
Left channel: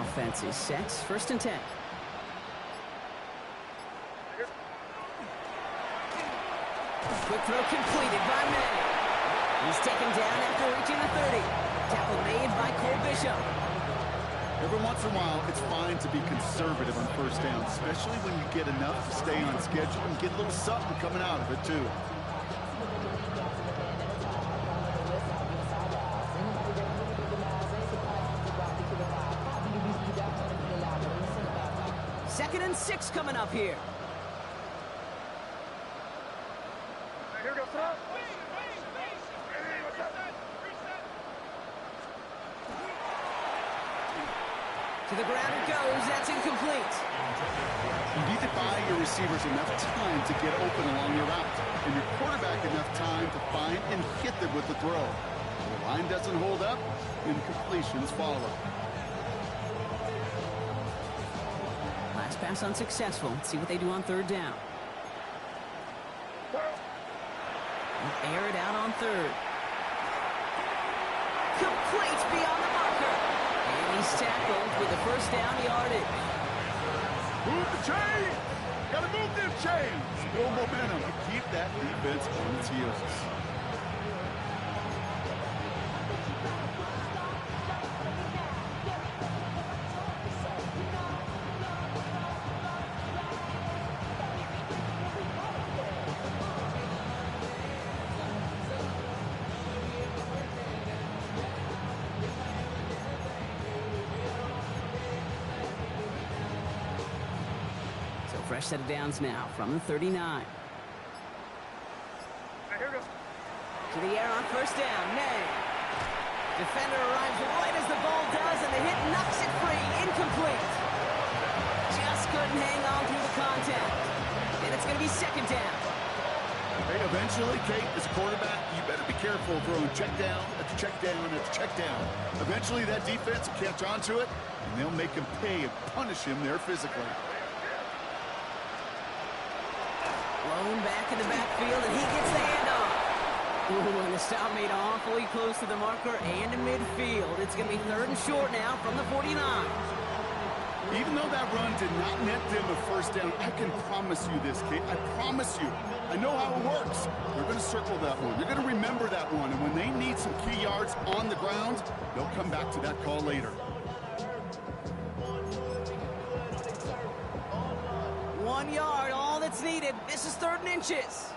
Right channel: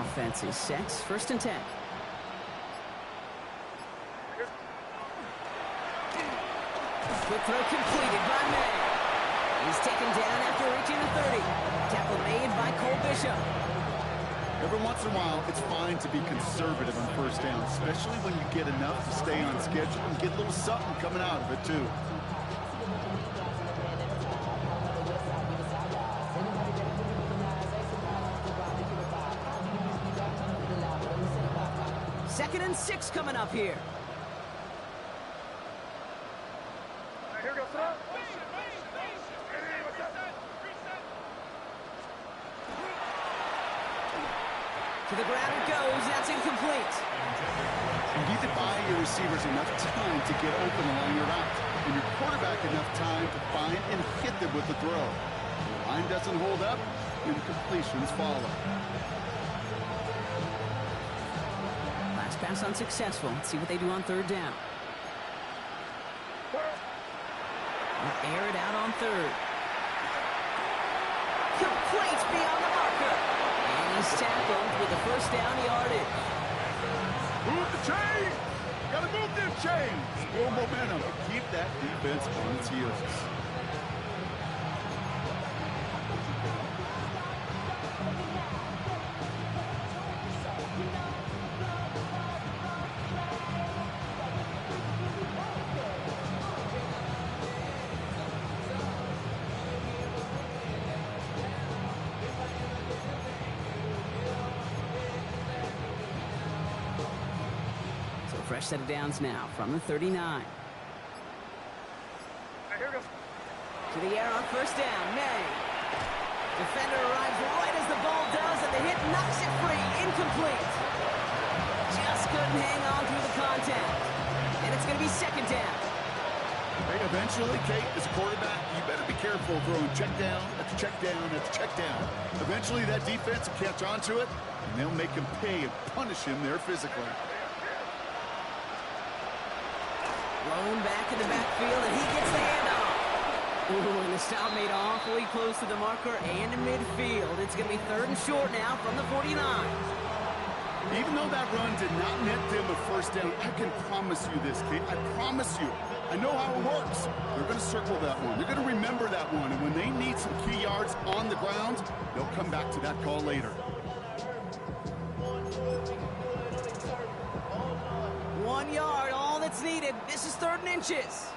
Offense is set. First and 10. Quick throw completed by May. He's taken down after reaching the 30. Tackle made by Cole Bishop. Every once in a while, it's fine to be conservative on first down, especially when you get enough to stay on schedule and get a little something coming out of it, too. Second and 6 coming up here. Here goes up. To the ground it goes. That's incomplete. You need to buy your receivers enough time to get open along your route, and your quarterback enough time to find and hit them with the throw. If the line doesn't hold up, incompletions follow. Last pass unsuccessful. Let's see what they do on third down. They'll air it out on third. complete beyond the marker. And he's tackled with the first down yardage. Move the chain! Gotta move them chains! Build momentum to keep that defense on its heels. Fresh set of downs now from the 39. Here we go. To the air on first down. Nay. Defender arrives right as the ball does, and the hit knocks it free. Incomplete. Just couldn't hang on through the contact. And it's going to be second down. Hey, eventually, Kate, as a quarterback, you better be careful throwing check down after check down after check down. Eventually, that defense will catch on to it, and they'll make him pay and punish him there physically. Blown back in the backfield, and he gets the handoff. Ooh, and the stop made awfully close to the marker and to midfield. It's going to be third and short now from the 49. Even though that run did not net them a first down, I can promise you this, Kate. I promise you. I know how it works. They're going to circle that one. They're going to remember that one. And when they need some key yards on the ground, they'll come back to that call later. 1 yard, all that's needed. This is third and inches.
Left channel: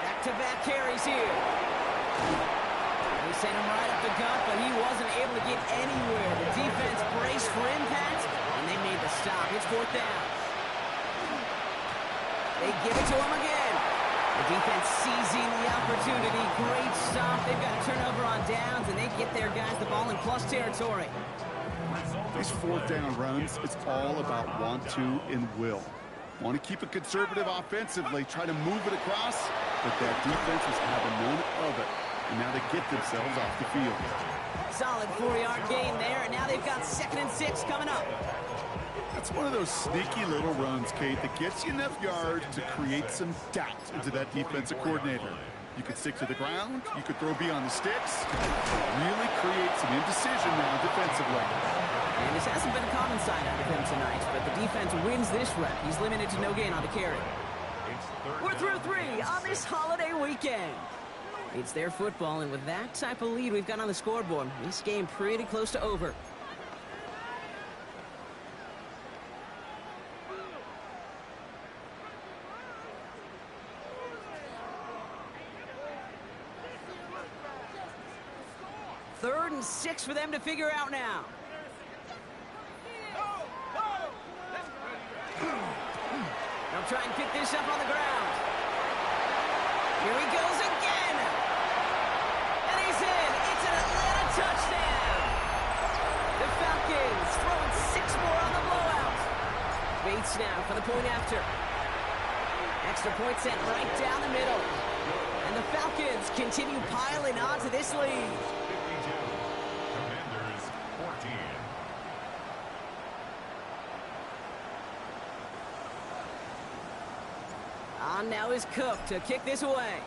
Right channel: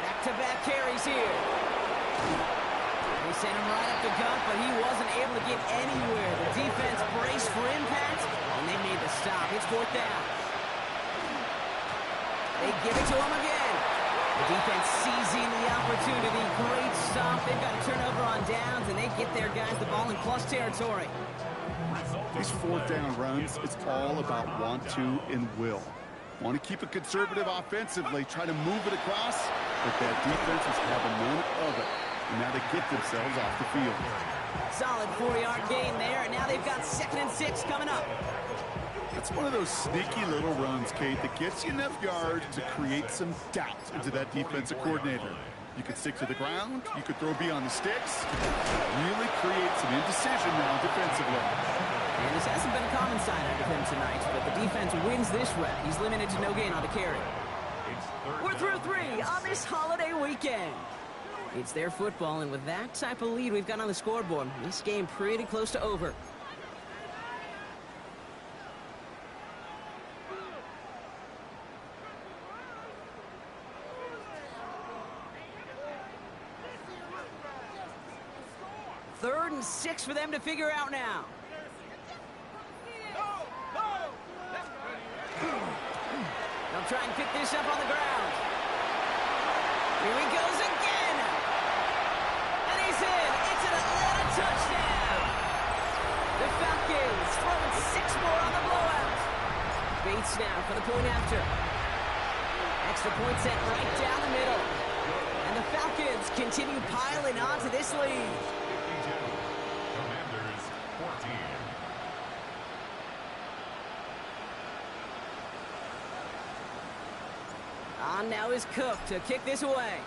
Back-to-back carries here. They sent him right up the gut, but he wasn't able to get anywhere. The defense braced for impact, and they made the stop. It's fourth down. They give it to him again. The defense seizing the opportunity. Great stop. They've got a turnover on downs, and they get their guys the ball in plus territory. These fourth down runs, it's all about want to and will. Want to keep it conservative offensively, try to move it across, but that defense was having none of it. And now they get themselves off the field. Solid 4-yard gain there, and now they've got 2nd and 6 coming up. That's one of those sneaky little runs, Kate, that gets you enough yards to create some doubt into that defensive coordinator. You could stick to the ground, you could throw beyond the sticks, really create some indecision now defensively. And this hasn't been a common sight out of him tonight, but the defense wins this rep. He's limited to no gain on the carry. We're through 3 on this holiday weekend. It's their football, and with that type of lead we've got on the scoreboard, this game pretty close to over. Third and 6 for them to figure out now. They'll try and pick this up on the ground. Here he goes again. And he's in. It's an Atlanta touchdown. The Falcons throwing 6 more on the blowout. Bates now for the point after. Extra point sent right down the middle. And the Falcons continue piling on to this lead. 52. Commanders 14. On now is Cook to kick this away.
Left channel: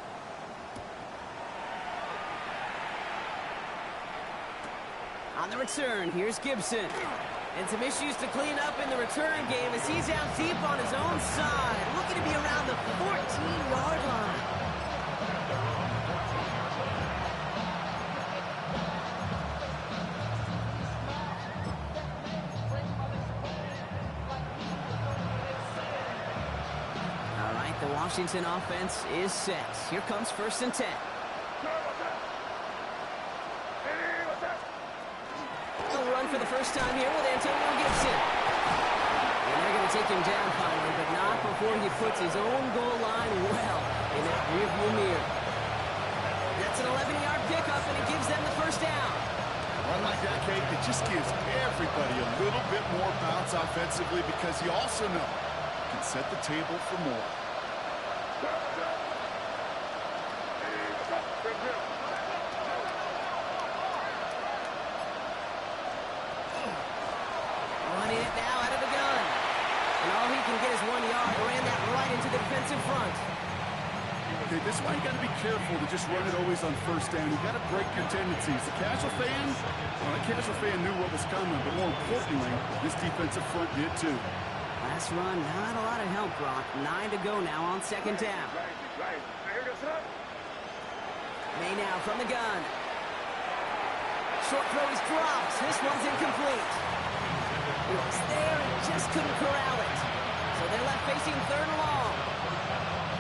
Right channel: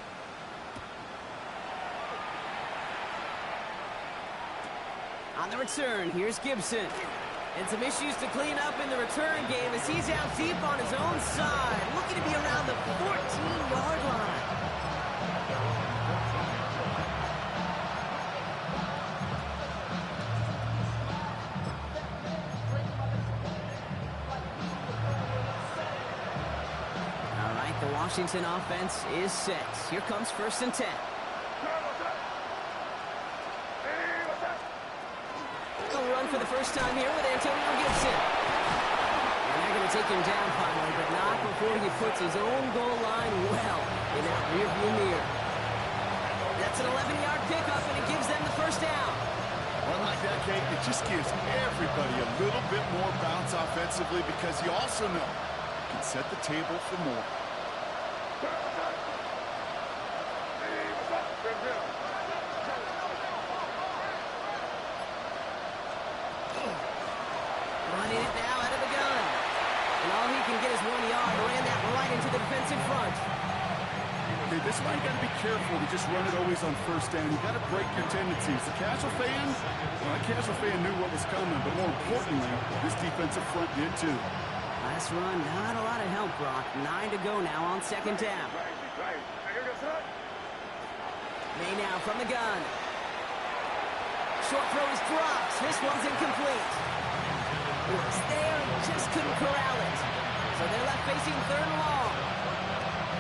On the return, here's Gibson. And some issues to clean up in the return game as he's out deep on his own side, looking to be around the 14-yard line. They're on the 14-yard line. All right, the Washington offense is set. Here comes 1st and 10. They'll run for the first time here with Antonio Gibson. And they're going to take him down finally, but not before he puts his own goal line well in that rearview mirror. That's an 11-yard pickup, and it gives them the first down. Run like that, Kate, it just gives everybody a little bit more bounce offensively because you also know you can set the table for more. Running it now out of the gun. And all he can get is 1 yard. Ran that right into the defensive front. Okay, this is why you got to be careful to just run it always on first down. You got to break your tendencies. The casual fan, well, that casual fan knew what was coming, but more importantly, this defensive front did too. Last run, not a lot of help, Brock. 9 to go now on second down. May now from the gun. Short throw is dropped. This one's incomplete. It was there and just couldn't corral it. So they're left facing third and long.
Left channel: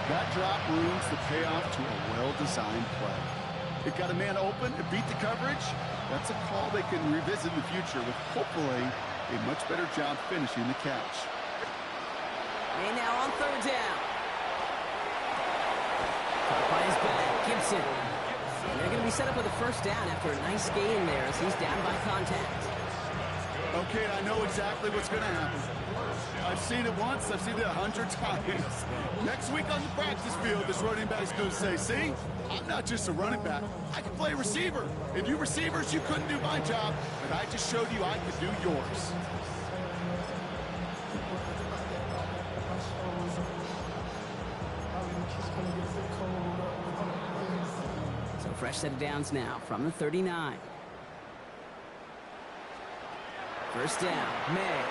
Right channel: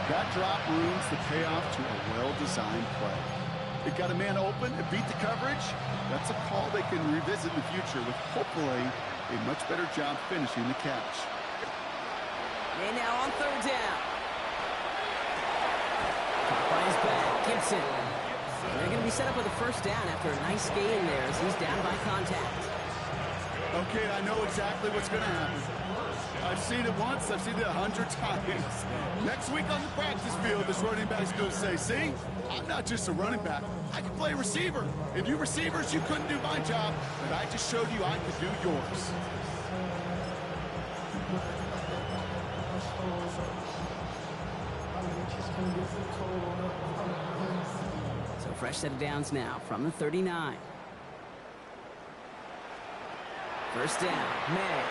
That drop ruins the payoff to a well-designed play. It got a man open, it beat the coverage. That's a call they can revisit in the future with hopefully a much better job finishing the catch. And now on third down. Caught by his back, Gibson. And they're going to be set up with a first down after a nice gain there as he's down by contact. Okay, I know exactly what's going to happen. I've seen it once, I've seen it 100 times. Next week on the practice field, this running back's going to say, see, I'm not just a running back, I can play receiver. And you receivers, you couldn't do my job, but I just showed you I could do yours. So fresh set of downs now from the 39. First down, May.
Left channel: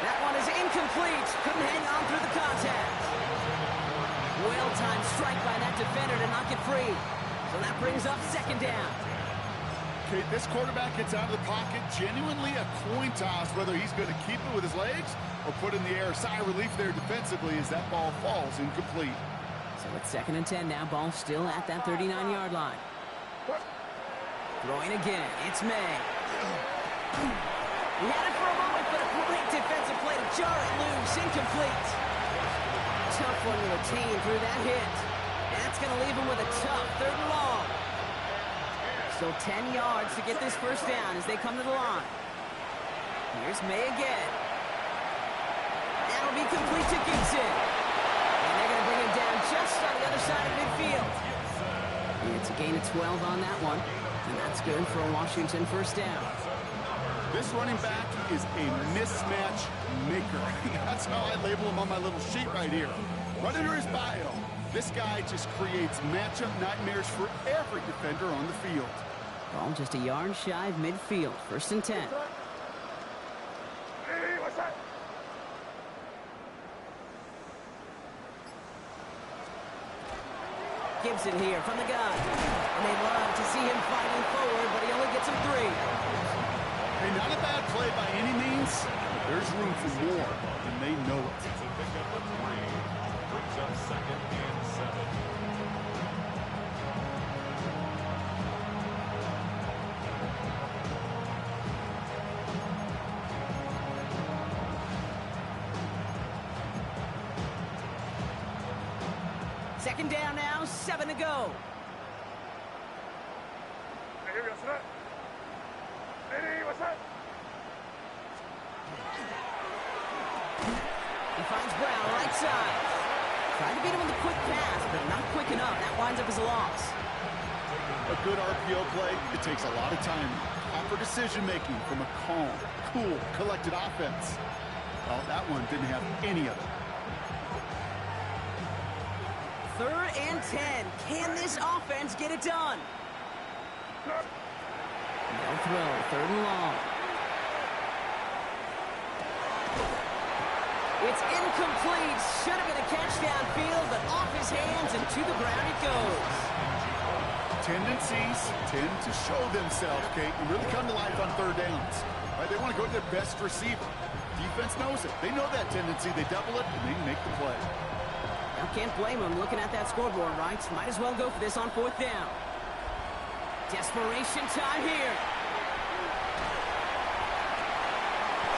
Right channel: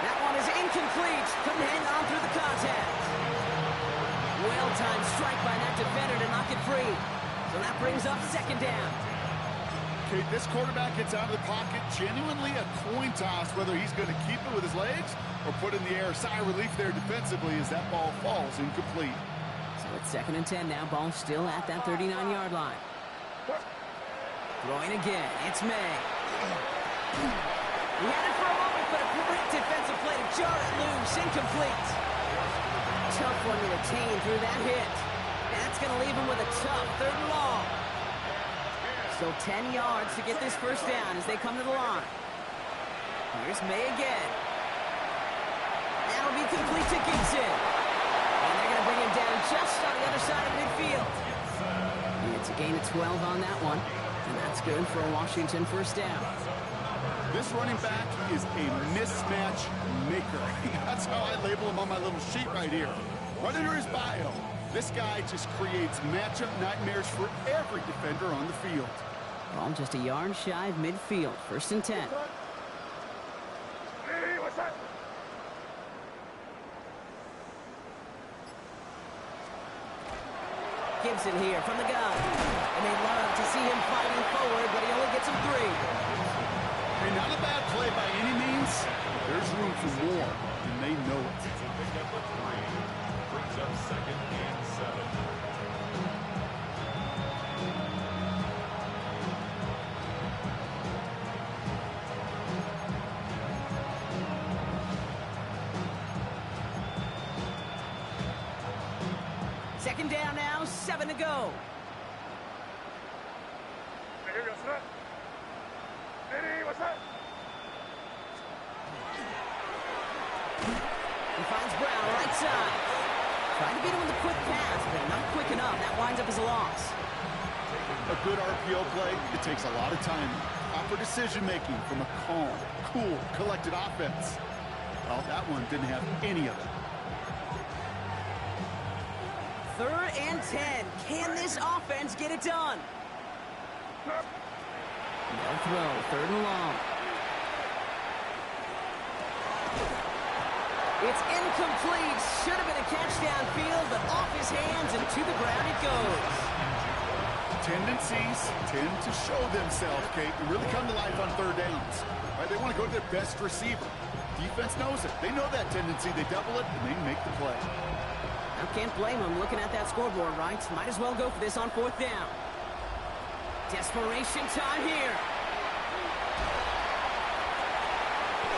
That one is incomplete. Couldn't hang on through the contact. Well-timed strike by that defender to knock it free. So that brings up second down. Okay, this quarterback gets out of the pocket, genuinely a coin toss, whether he's going to keep it with his legs or put in the air. Sigh of relief there defensively as that ball falls incomplete. So it's 2nd and 10 now. Ball still at that 39-yard line. Throwing again. It's May. He had it for a moment, but a great defensive play to jar it loose. Incomplete. Tough one to retain through that hit. That's going to leave him with a tough 3rd and long. Still 10 yards to get this first down as they come to the line. Here's May again. That'll be complete to Gibson. And they're going to bring him down just on the other side of midfield. It's a gain of 12 on that one. And that's good for a Washington first down. This running back is a mismatch maker. That's how I label him on my little sheet right here. Right under his bio. This guy just creates matchup nightmares for every defender on the field. Ball just a yard shy of midfield. 1st and 10. Hey, what's that? Gibson here from the gun. And they love to see him fighting forward, but he only gets him 3. Hey, not a bad play by any means. There's room for more, and they know it. It's a pickup of 3. Brings up 2nd and 7. Second down now, 7 to go. Hey, what's that? Hey, what's that? He finds Brown right side. Tried to beat him with a quick pass, but not quick enough. That winds up as a loss. A good RPO play, it takes a lot of timing. Proper decision-making from a calm, cool, collected offense. Well, that one didn't have any of it. 3rd and 10. Can this offense get it done? They'll throw. 3rd and long. It's incomplete. Should have been a catch downfield, but off his hands and to the ground it goes. Tendencies tend to show themselves, Kate, and really come to life on 3rd downs. Right? They want to go to their best receiver. Defense knows it. They know that tendency. They double it, and they make the play. Now, can't blame him looking at that scoreboard, right? Might as well go for this on 4th down. Desperation time here.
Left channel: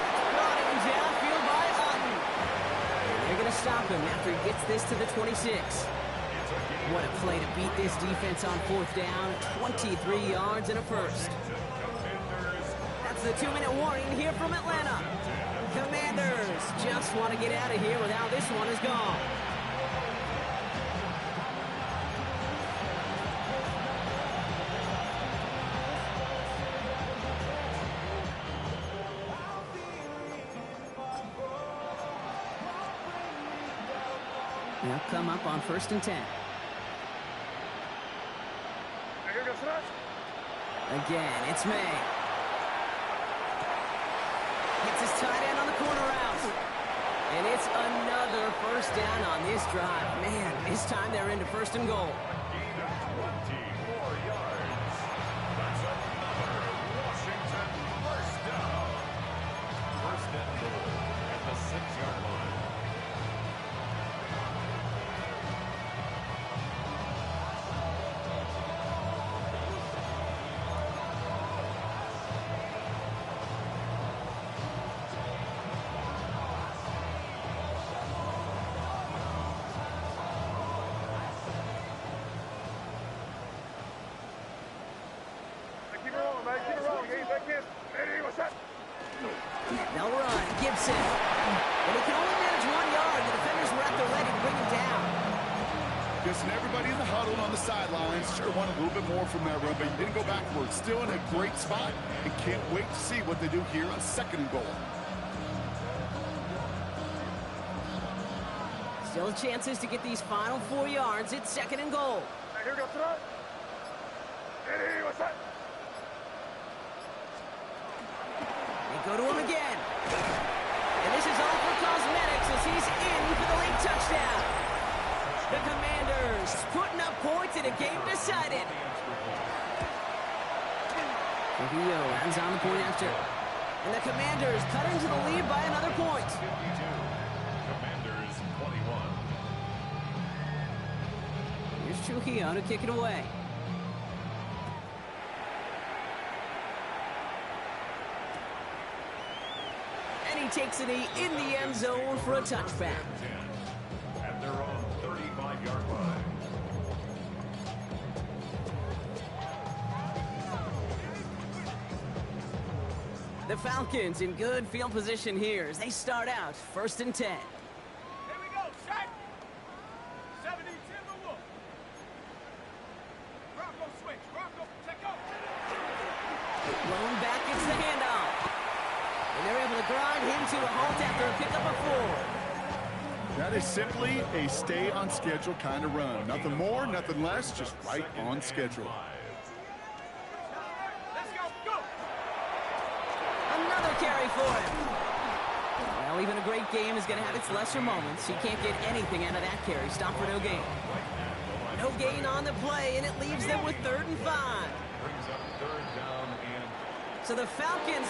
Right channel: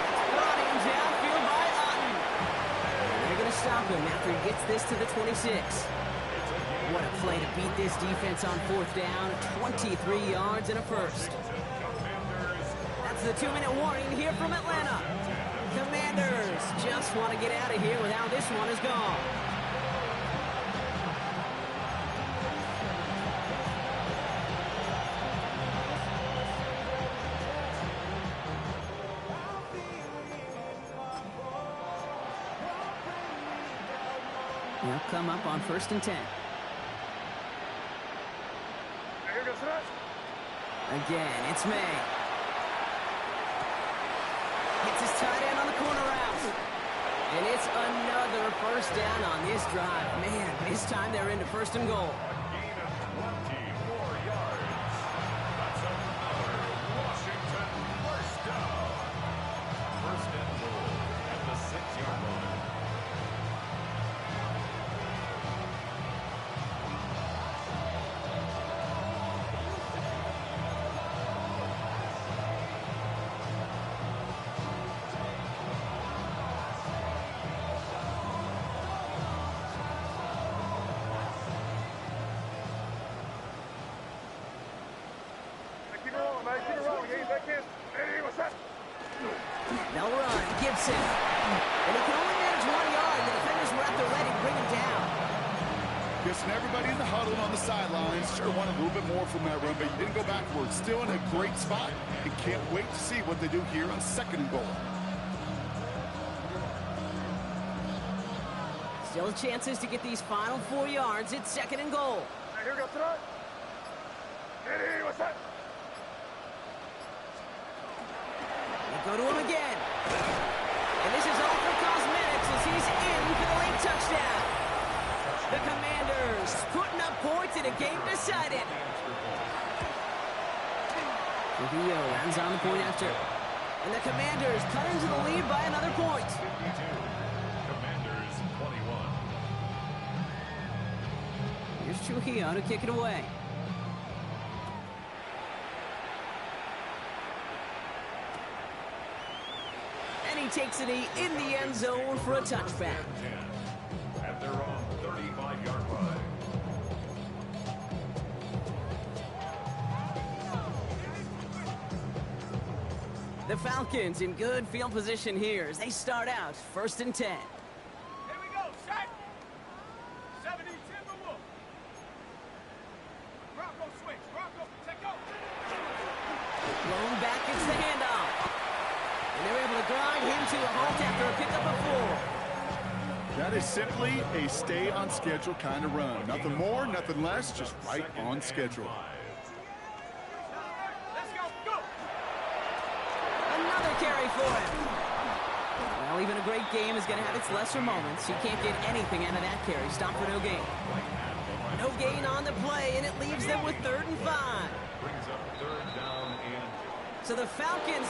It's brought in downfield by Otten. And they're going to stop him after he gets this to the 26. What a play to beat this defense on 4th down. 23 yards and a first. That's the 2-minute warning here from Atlanta. Commanders just want to get out of here with how this one is gone. They'll come up on 1st and 10. Here goes that. Again, it's May. Hits his tight end on the corner route. And it's another first down on this drive. Man, this time they're into 1st and goal. A gain of 24 yards. That's another Washington first down. 1st and goal at the 6-yard line. Keep it rolling, man. Keep it rolling. Hey, that kid. Hey, what's that? They'll run. Gibson. And he can only manage 1 yard. The defenders were at the ready to bring him down. Guessing everybody in the huddle and on the sidelines sure wanted a little bit more from that run, but he didn't go backwards. Still in a great spot, and can't wait to see what they do here on 2nd and goal. Still chances to get these final 4 yards. It's 2nd and goal. Hey, here goes that. Hey, what's that? They go to him again. And this is all for cosmetics as he's in for the late touchdown. The Commanders putting up points in a game decided. Trujillo lands on the point after. And the Commanders cut into the lead by another point. 52. Commanders 21. Here's Trujillo to kick it away. And he takes it in the end zone for a touchback. 10 at their own 35-yard line. The Falcons in good field position here as they start out 1st and 10. Here we go. Shot. 70 Timberwolf. Rocco switch. Rocco, take off. Blown back, it's the handoff. And they're able to grind him to a halt after a pickup of 4. That is simply a stay-on-schedule kind of run. Nothing more, nothing less, just right on schedule. Let's go. Go. Another carry for him. Well, even a great game is going to have its lesser moments. He can't get anything out of that carry. Stop for no gain. No gain on the play, and it leaves them with 3rd and 5. Brings up 3rd down and So the Falcons are